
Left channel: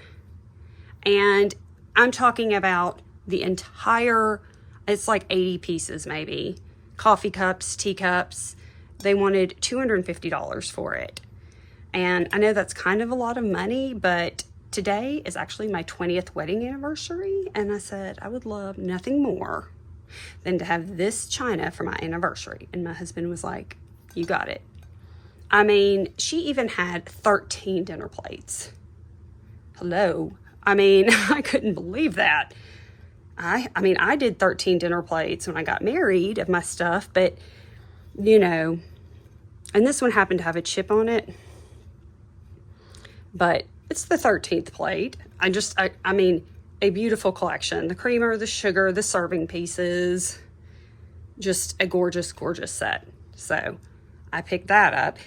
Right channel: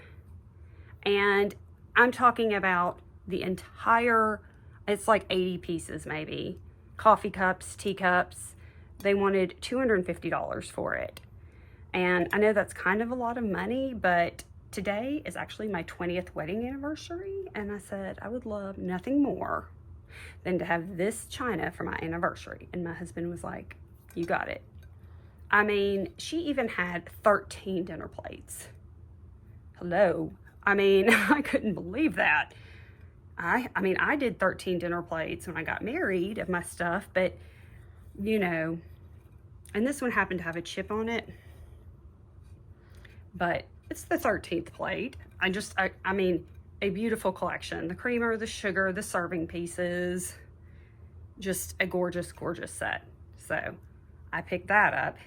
And I'm talking about the entire, it's like 80 pieces maybe. Coffee cups, teacups. They wanted $250 for it. And I know that's kind of a lot of money, but today is actually my 20th wedding anniversary. And I said, I would love nothing more than to have this china for my anniversary. And my husband was like, you got it. I mean, she even had 13 dinner plates. Hello. I mean, I couldn't believe that. I mean, I did 13 dinner plates when I got married of my stuff, but you know, and this one happened to have a chip on it, but it's the 13th plate. I mean, a beautiful collection. The creamer, the sugar, the serving pieces, just a gorgeous, gorgeous set. So I picked that up.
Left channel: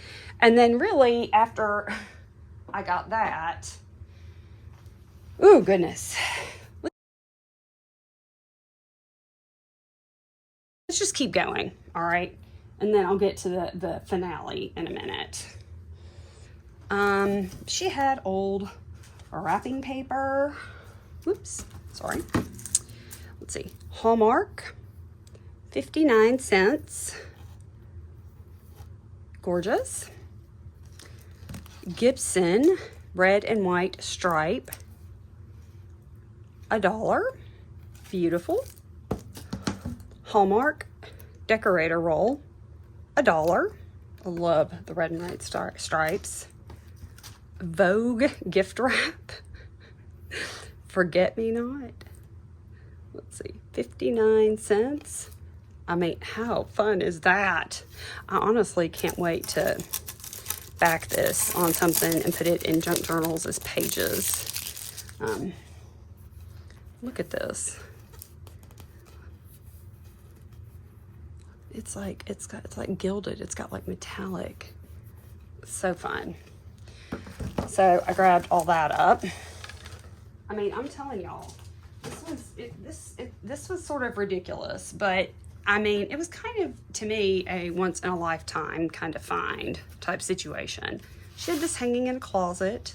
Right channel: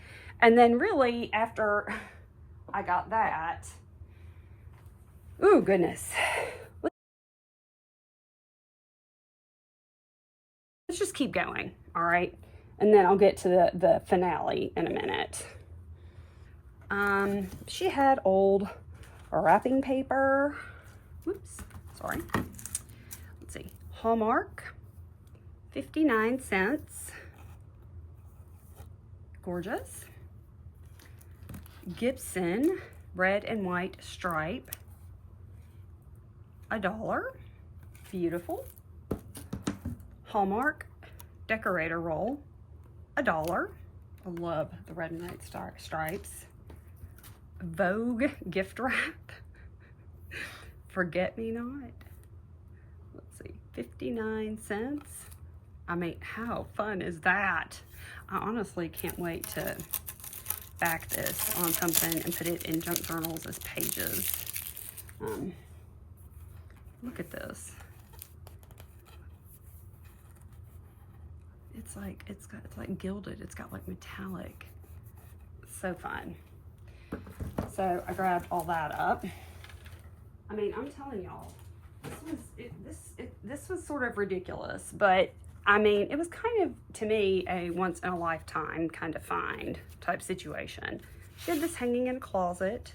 And then really after I got that, ooh, goodness. Let's just keep going, all right? And then I'll get to the finale in a minute. She had old wrapping paper. Whoops, Sorry. Let's see. Hallmark, 59 cents. Gorgeous. Gibson, red and white stripe, $1. Beautiful. Hallmark decorator roll, $1. I love the red and white stripes. Vogue gift wrap, forget me not. Let's see, 59 cents. I mean, how fun is that? I honestly can't wait to back this on something and put it in junk journals as pages. Look at this. It's like gilded. It's got like metallic. So fun. So I grabbed all that up. I mean, I'm telling y'all, this was sort of ridiculous, but I mean, it was kind of, to me, a once in a lifetime kind of find type situation. She had this hanging in a closet.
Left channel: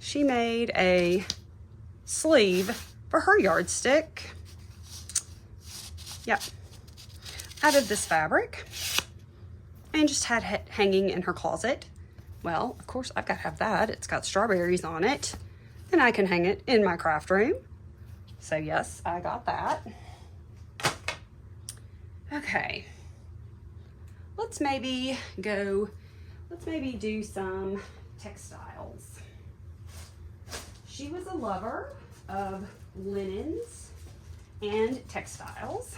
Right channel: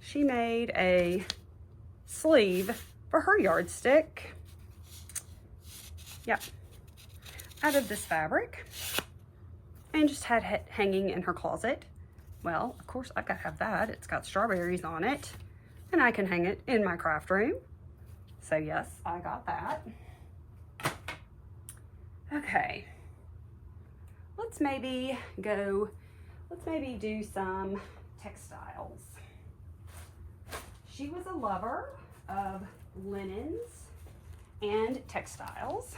She made a sleeve for her yardstick. Yep. Out of this fabric, and just had it hanging in her closet. Well, of course, I've got to have that. It's got strawberries on it, and I can hang it in my craft room. So yes, I got that. Okay, let's maybe do some textiles. She was a lover of linens and textiles.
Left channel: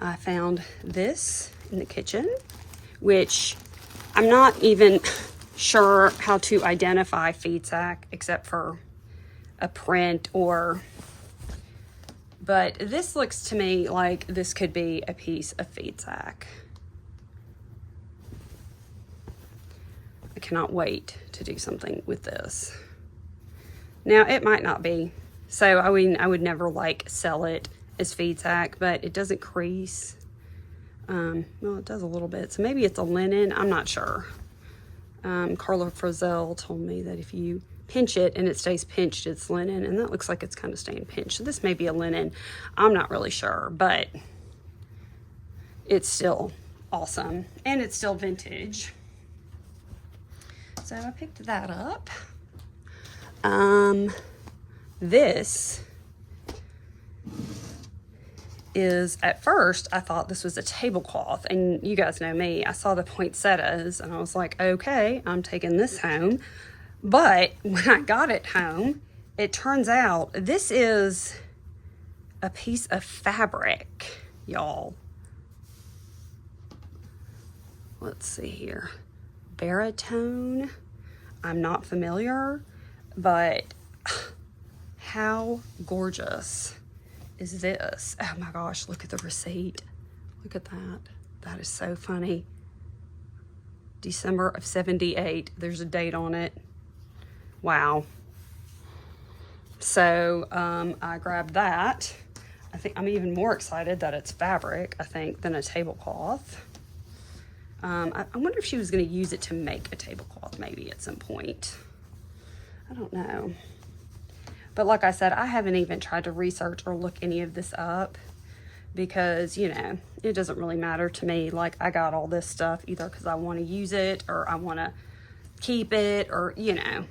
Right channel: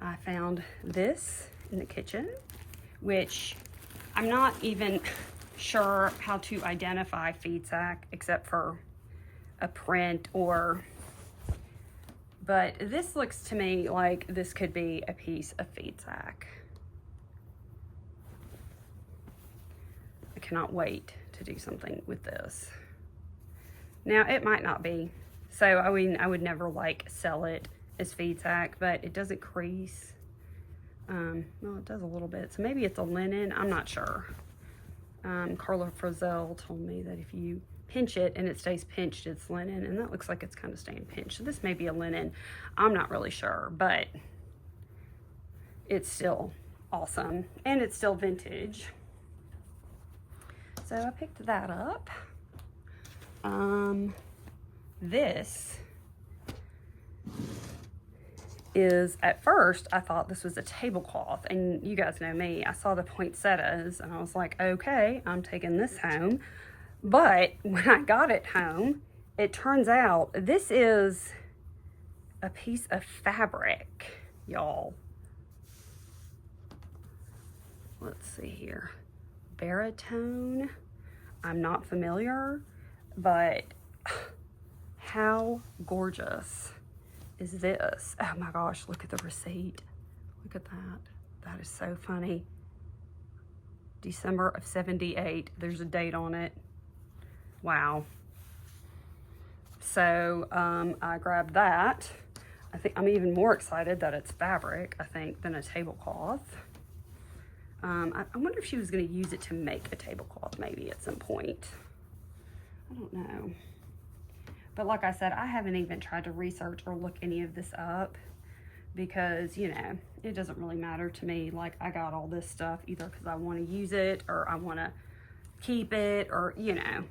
I found this in the kitchen, which I'm not even sure how to identify feed sack except for a print but this looks to me like this could be a piece of feed sack. I cannot wait to do something with this. Now, it might not be. So, I mean, I would never like sell it as feed sack, but it doesn't crease. Well, it does a little bit. So maybe it's a linen. I'm not sure. Carla Frizzell told me that if you pinch it and it stays pinched, it's linen, and that looks like it's kind of staying pinched. So this may be a linen. I'm not really sure, but it's still awesome, and it's still vintage. So I picked that up. This is, at first, I thought this was a tablecloth, and you guys know me. I saw the poinsettias, and I was like, okay, I'm taking this home. But when I got it home, it turns out this is a piece of fabric, y'all. Let's see here. Baritone. I'm not familiar, but how gorgeous is this? Oh my gosh, look at the receipt. Look at that. That is so funny. December of '78. There's a date on it. Wow. So I grabbed that. I think I'm even more excited that it's fabric, I think, than a tablecloth. I wonder if she was going to use it to make a tablecloth maybe at some point. I don't know. But like I said, I haven't even tried to research or look any of this up because, you know, it doesn't really matter to me. Like, I got all this stuff either because I want to use it or I want to keep it, or, you know,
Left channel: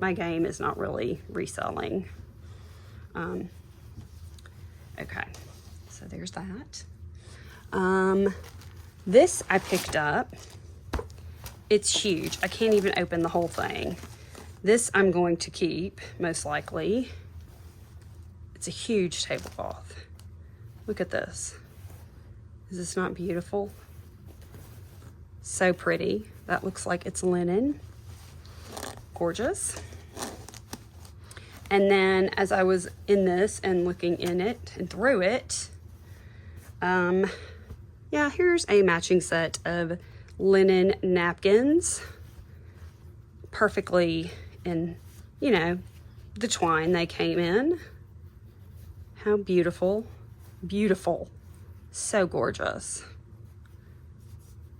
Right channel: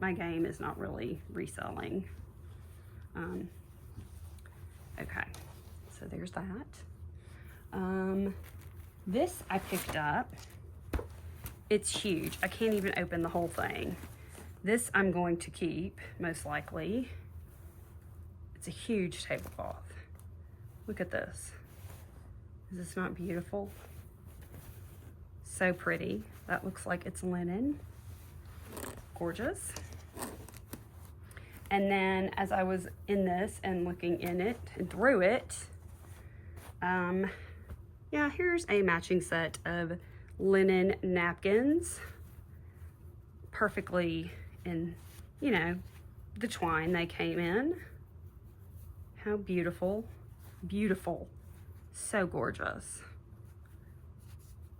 my game is not really reselling. Okay, so there's that. This I picked up. It's huge. I can't even open the whole thing. This I'm going to keep, most likely. It's a huge tablecloth. Look at this. Is this not beautiful? So pretty. That looks like it's linen. Gorgeous. And then as I was in this and looking in it and through it, yeah, here's a matching set of linen napkins. Perfectly in, you know, the twine they came in. How beautiful. Beautiful. So gorgeous.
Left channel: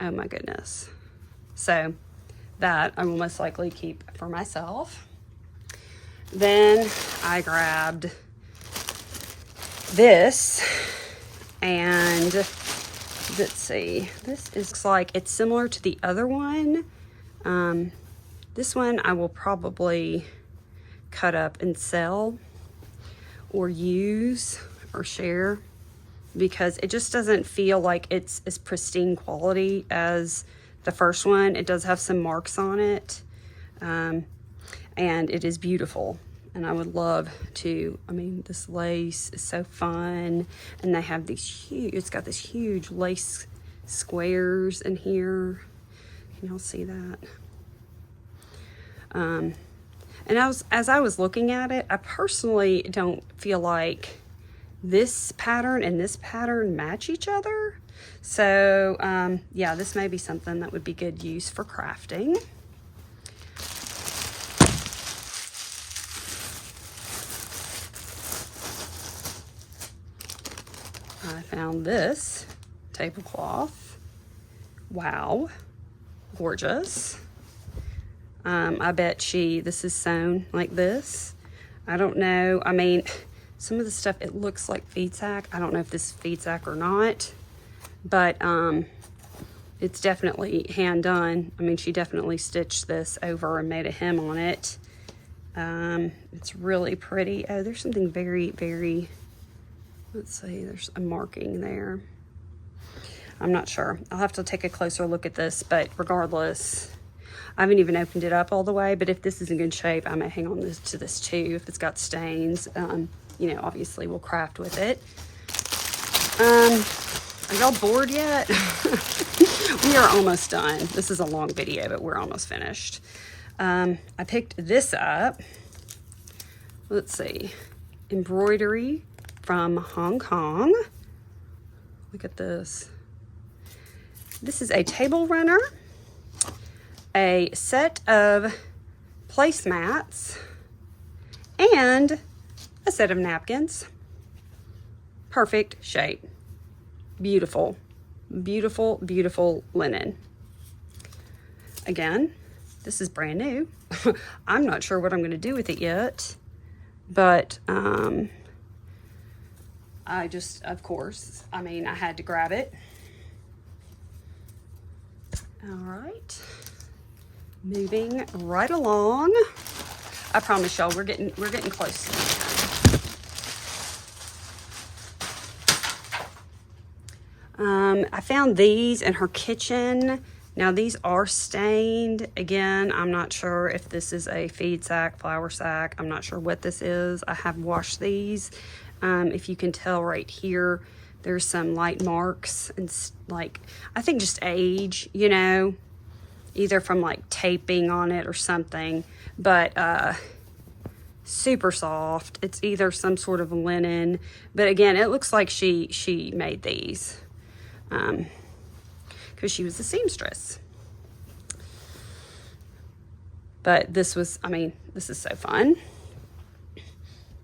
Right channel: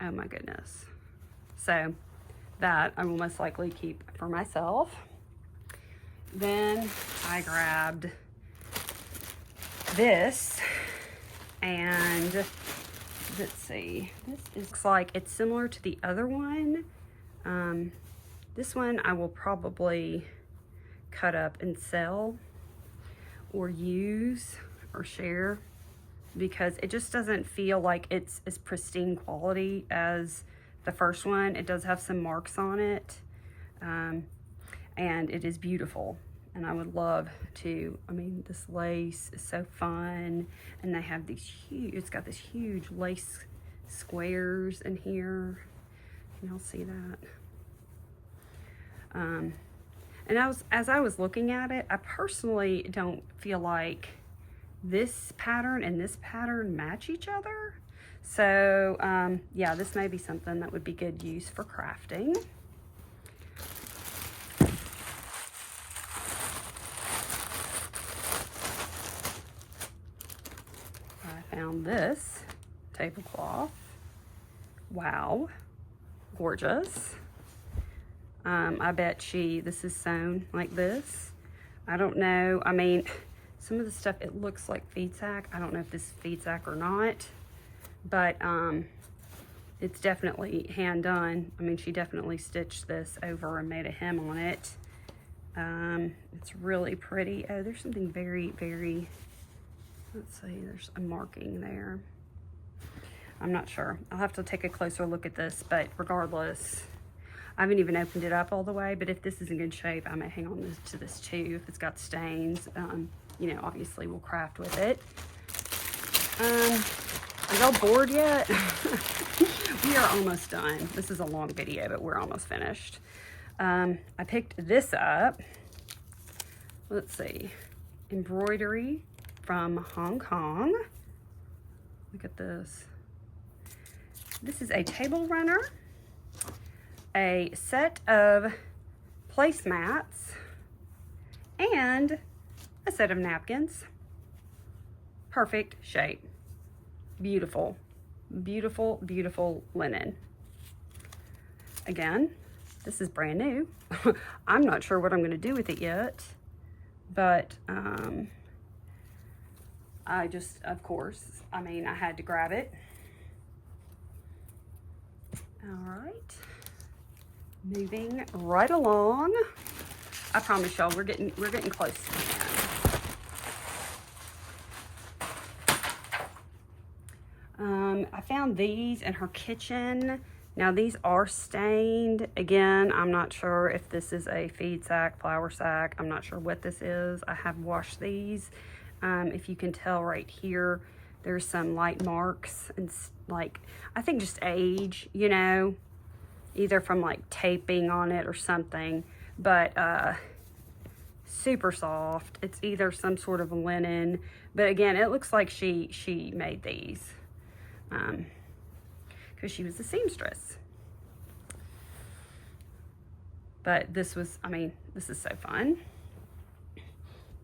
Oh my goodness. So that I will most likely keep for myself. Then I grabbed this, and let's see, this is like, it's similar to the other one. This one I will probably cut up and sell or use or share, because it just doesn't feel like it's as pristine quality as the first one. It does have some marks on it, and it is beautiful. And I would love to, I mean, this lace is so fun, and they have these huge, it's got this huge lace squares in here. Can y'all see that? And as I was looking at it, I personally don't feel like this pattern and this pattern match each other. So yeah, this may be something that would be good use for crafting. I found this tablecloth. Wow, gorgeous. I bet this is sewn like this. I don't know. I mean, some of the stuff, it looks like feed sack. I don't know if this is feed sack or not, but it's definitely hand done. I mean, she definitely stitched this over and made a hem on it. It's really pretty. Oh, there's something very, very, let's see, there's a marking there. I'm not sure. I'll have to take a closer look at this, but regardless, I haven't even opened it up all the way, but if this is in good shape, I may hang on to this too. If it's got stains, you know, obviously we'll craft with it. Are y'all bored yet? We are almost done. This is a long video, but we're almost finished. I picked this up. Let's see. Embroidery from Hong Kong. Look at this. This is a table runner, a set of placemats, and a set of napkins. Perfect shape. Beautiful, beautiful, beautiful linen. Again, this is brand new. I'm not sure what I'm going to do with it yet, but I just, of course, I mean, I had to grab it. All right, moving right along. I promise y'all, we're getting close to the end. I found these in her kitchen. Now these are stained. Again, I'm not sure if this is a feed sack, flour sack. I'm not sure what this is. I have washed these. If you can tell right here, there's some light marks and like, I think just age, you know, either from like taping on it or something, but super soft. It's either some sort of linen, but again, it looks like she made these because she was a seamstress. But this was, I mean, this is so fun.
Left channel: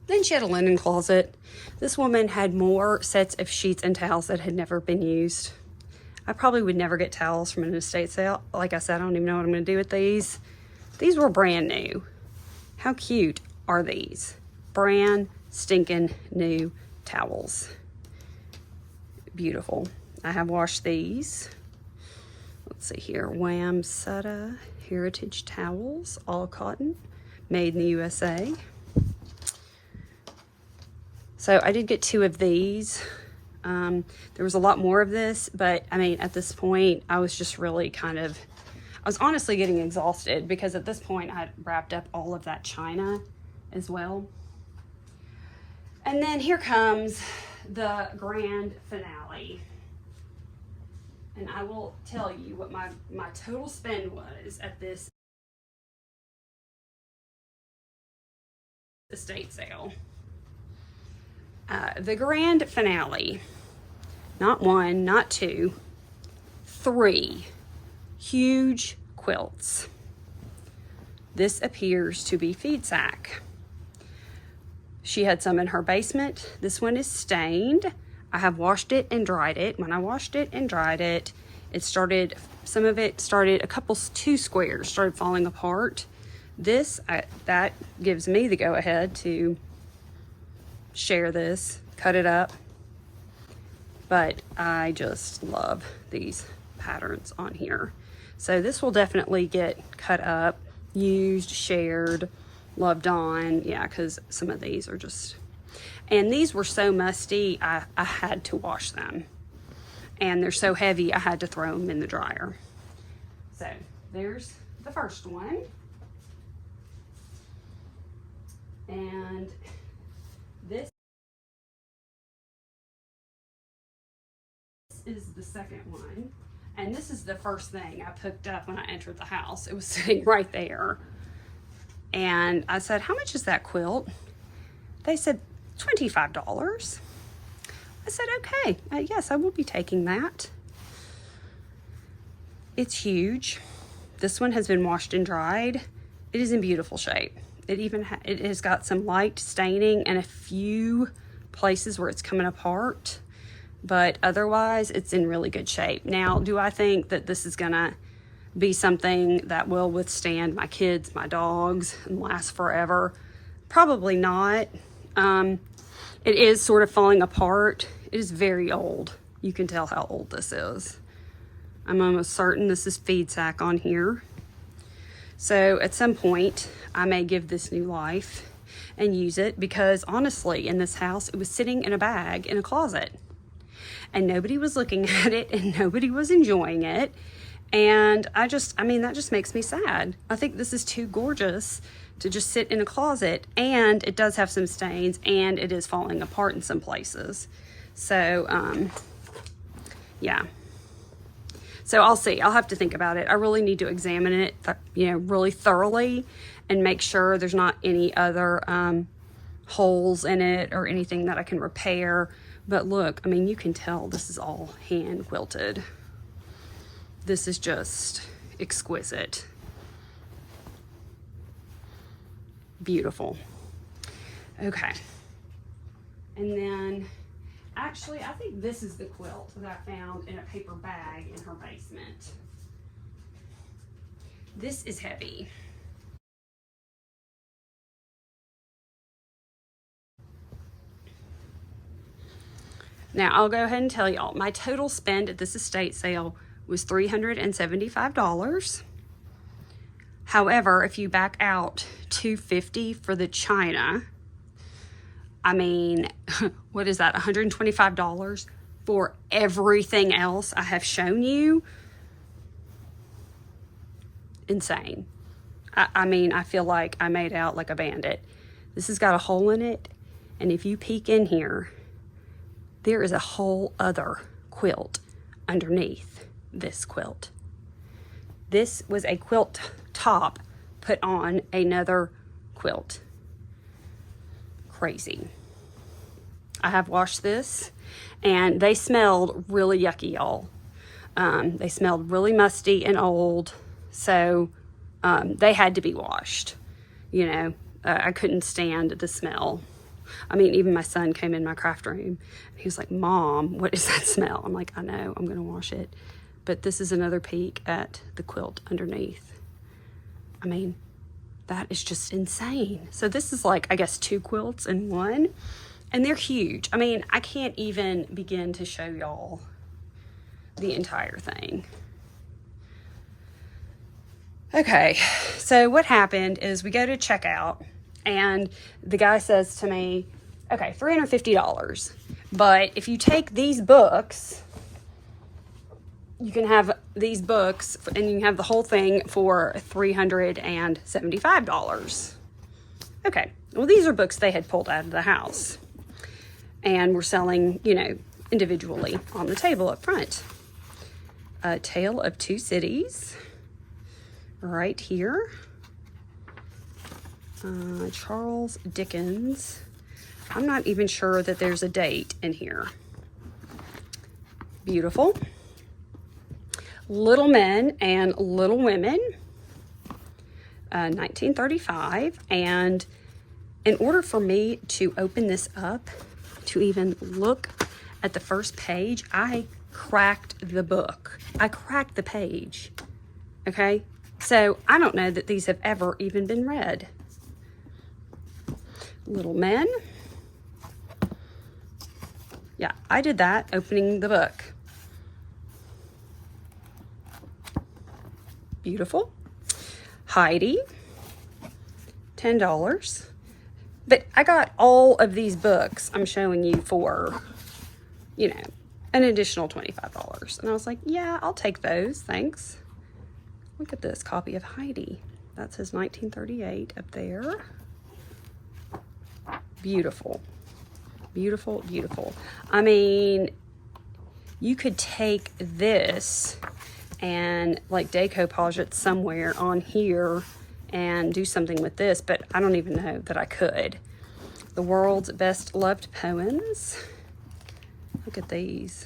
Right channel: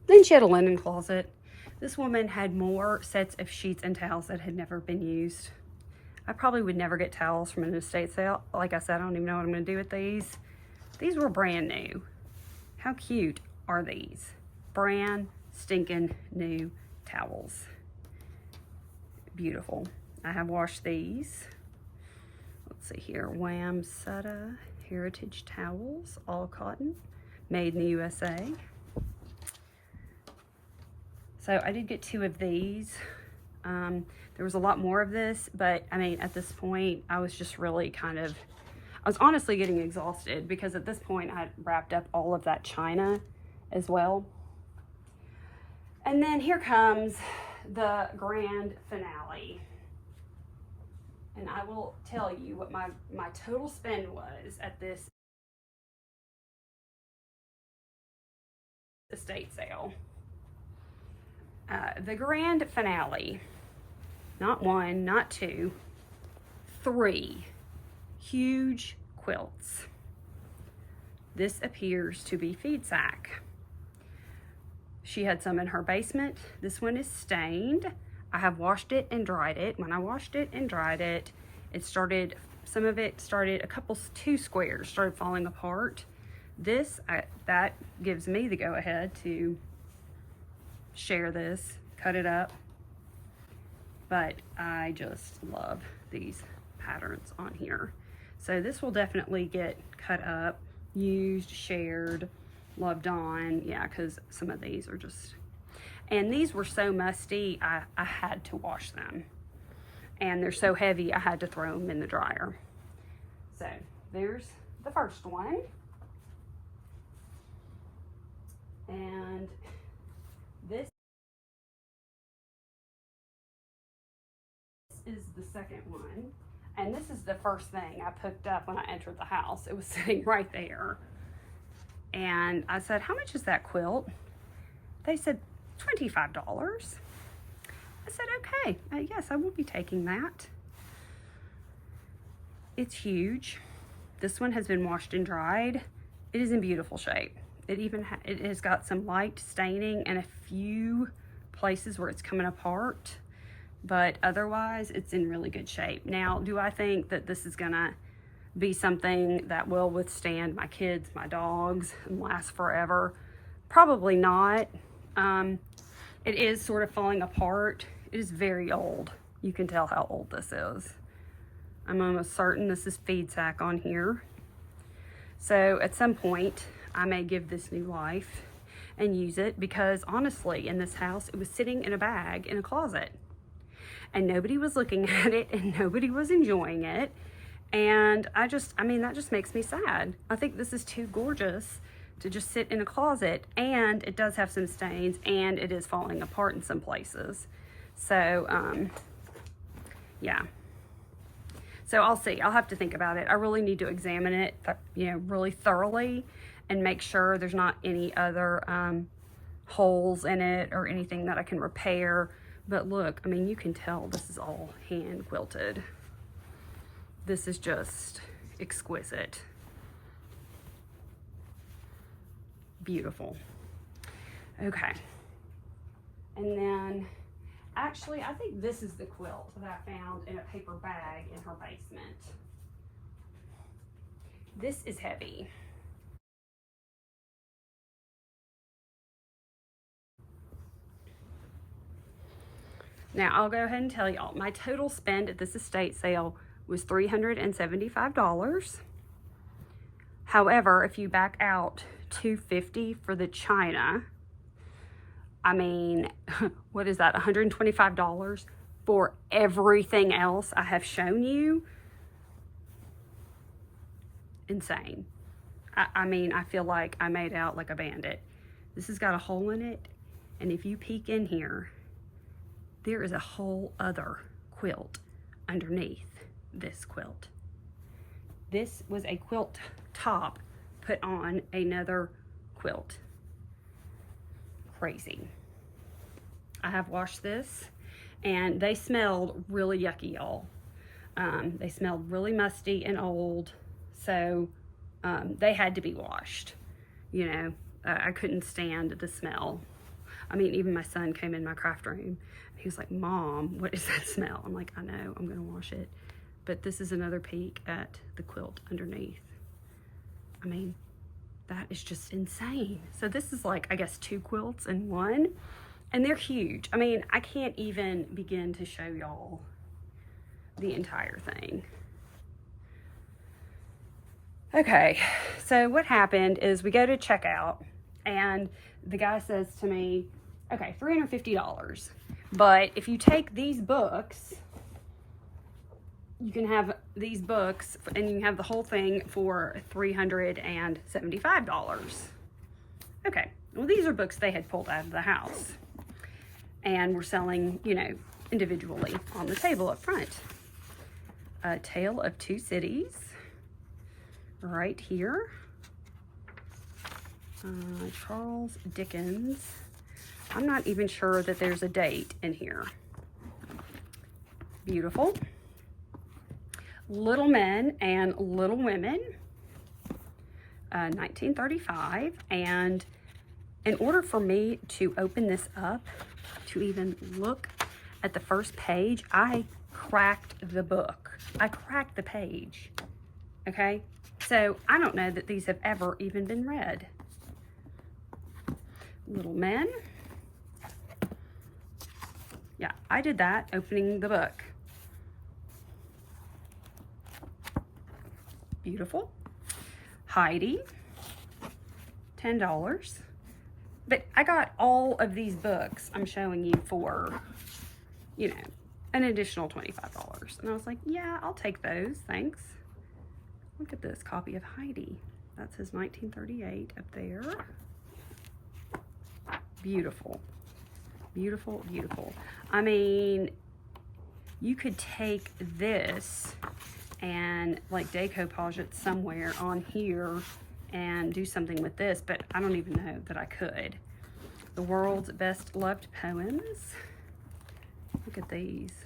Then she had a linen closet. This woman had more sets of sheets and towels that had never been used. I probably would never get towels from an estate sale. Like I said, I don't even know what I'm going to do with these. These were brand new. How cute are these? Brand stinking new towels. Beautiful. I have washed these. Let's see here. Wham Sutta Heritage Towels, all cotton, made in the USA. So I did get 2 of these. There was a lot more of this, but I mean, at this point, I was just really I was honestly getting exhausted because at this point I had wrapped up all of that china as well. And then here comes the grand finale. And I will tell you what my total spend was at this estate sale. The grand finale, not 1, not 2, 3 huge quilts. This appears to be feed sack. She had some in her basement. This one is stained. I have washed it and dried it. When I washed it and dried it, it started some of it started, two squares started falling apart. This, that gives me the go ahead to share this, cut it up. But I just love these patterns on here. So this will definitely get cut up, used, shared, loved on. Yeah, because some of these are just, and these were so musty, I had to wash them. And they're so heavy, I had to throw them in the dryer. So there's the first one. And this is the second one. And this is the first thing I picked up when I entered the house. It was sitting right there. And I said, how much is that quilt? They said, $25. I said, okay, yes, I will be taking that. It's huge. This one has been washed and dried. It is in beautiful shape. It even it has got some light staining and a few places where it's coming apart, but otherwise it's in really good shape. Now, do I think that this is gonna be something that will withstand my kids, my dogs, and last forever? Probably not. It is sort of falling apart. It is very old. You can tell how old this is. I'm almost certain this is feed sack on here. So at some point, I may give this new life and use it, because honestly, in this house, it was sitting in a bag in a closet. And nobody was looking at it and nobody was enjoying it. And I mean, that just makes me sad. I think this is too gorgeous to just sit in a closet, and it does have some stains and it is falling apart in some places. So, yeah. So I'll see. I'll have to think about it. I really need to examine it, really thoroughly, and make sure there's not any other holes in it or anything that I can repair. But look, I mean, you can tell this is all hand quilted. This is just exquisite. Beautiful. Okay. And then, actually, I think this is the quilt that I found in a paper bag in her basement. This is heavy. Now, I'll go ahead and tell y'all, my total spend at this estate sale was $375. However, if you back out $250 for the china, I mean, what is that, $125 for everything else I have shown you? Insane. I mean, I feel like I made out like a bandit. This has got a hole in it, and if you peek in here, there is a whole other quilt underneath this quilt. This was a quilt top put on another quilt. Crazy. I have washed this, and they smelled really yucky, y'all. They smelled really musty and old, so they had to be washed. I couldn't stand the smell. I mean, even my son came in my craft room, and he was like, Mom, what is that smell? I'm like, I know, I'm gonna wash it. But this is another peek at the quilt underneath. I mean, that is just insane. So this is like, I guess, 2 quilts in one, and they're huge. I mean, I can't even begin to show y'all the entire thing. Okay, so what happened is we go to checkout, and the guy says to me, okay, $350, but if you take these books, you can have these books and you can have the whole thing for $375. Okay, well, these are books they had pulled out of the house and were selling, individually on the table up front. A Tale of Two Cities, right here. Charles Dickens. I'm not even sure that there's a date in here. Beautiful. Little Men and Little Women, 1935. And in order for me to open this up, to even look at the first page, I cracked the book. I cracked the page, okay? So I don't know that these have ever even been read. Little Men. Yeah, I did that, opening the book. Beautiful. Heidi, $10. But I got all of these books I'm showing you for, you know, an additional $25. And I was like, yeah, I'll take those, thanks. Look at this copy of Heidi. That says 1938 up there. Beautiful. Beautiful, beautiful. I mean, you could take this and like decoupage it somewhere on here and do something with this, but I don't even know that I could. The World's Best Loved Poems. Look at these.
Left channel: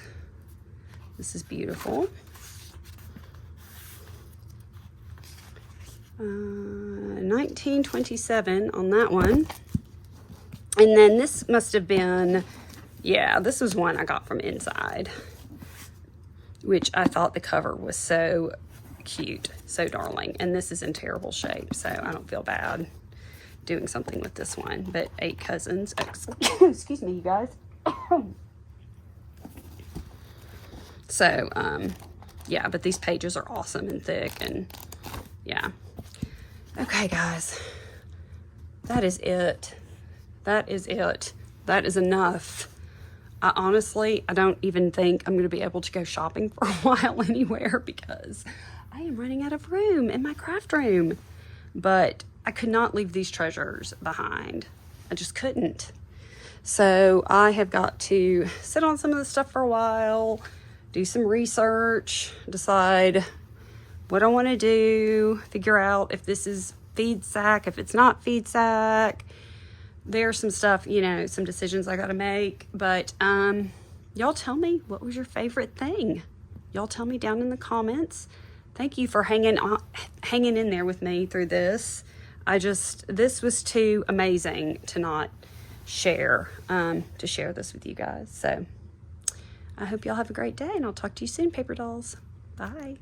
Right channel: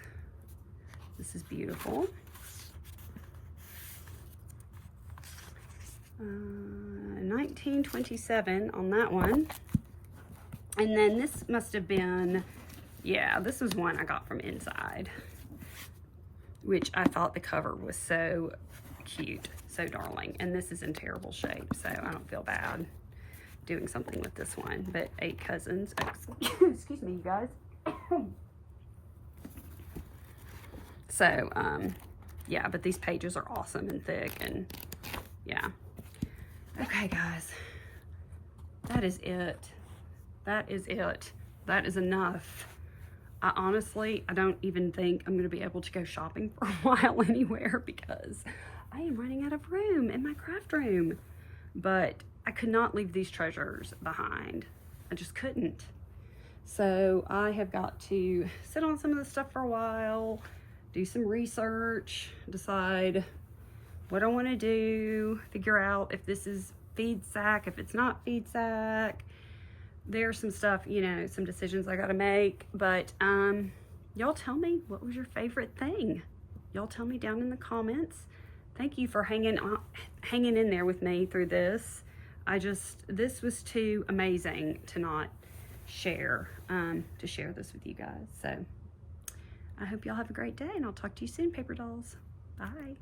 This is beautiful. 1927 on that one. And then this must have been, yeah, this was one I got from Inside, which I thought the cover was so cute, so darling. And this is in terrible shape, so I don't feel bad doing something with this one. But 8 Cousins, excuse me, you guys. So, yeah, but these pages are awesome and thick, and yeah. Okay, guys, that is it. That is it. That is enough. I honestly don't even think I'm going to be able to go shopping for a while anywhere because I am running out of room in my craft room. But I could not leave these treasures behind. I just couldn't. So I have got to sit on some of this stuff for a while, do some research, decide what I want to do, figure out if this is feed sack, if it's not feed sack. There's some stuff, you know, some decisions I got to make, but y'all tell me, what was your favorite thing? Y'all tell me down in the comments. Thank you for hanging in there with me through this. This was too amazing to not share, this with you guys. So I hope y'all have a great day, and I'll talk to you soon, paper dolls. Bye.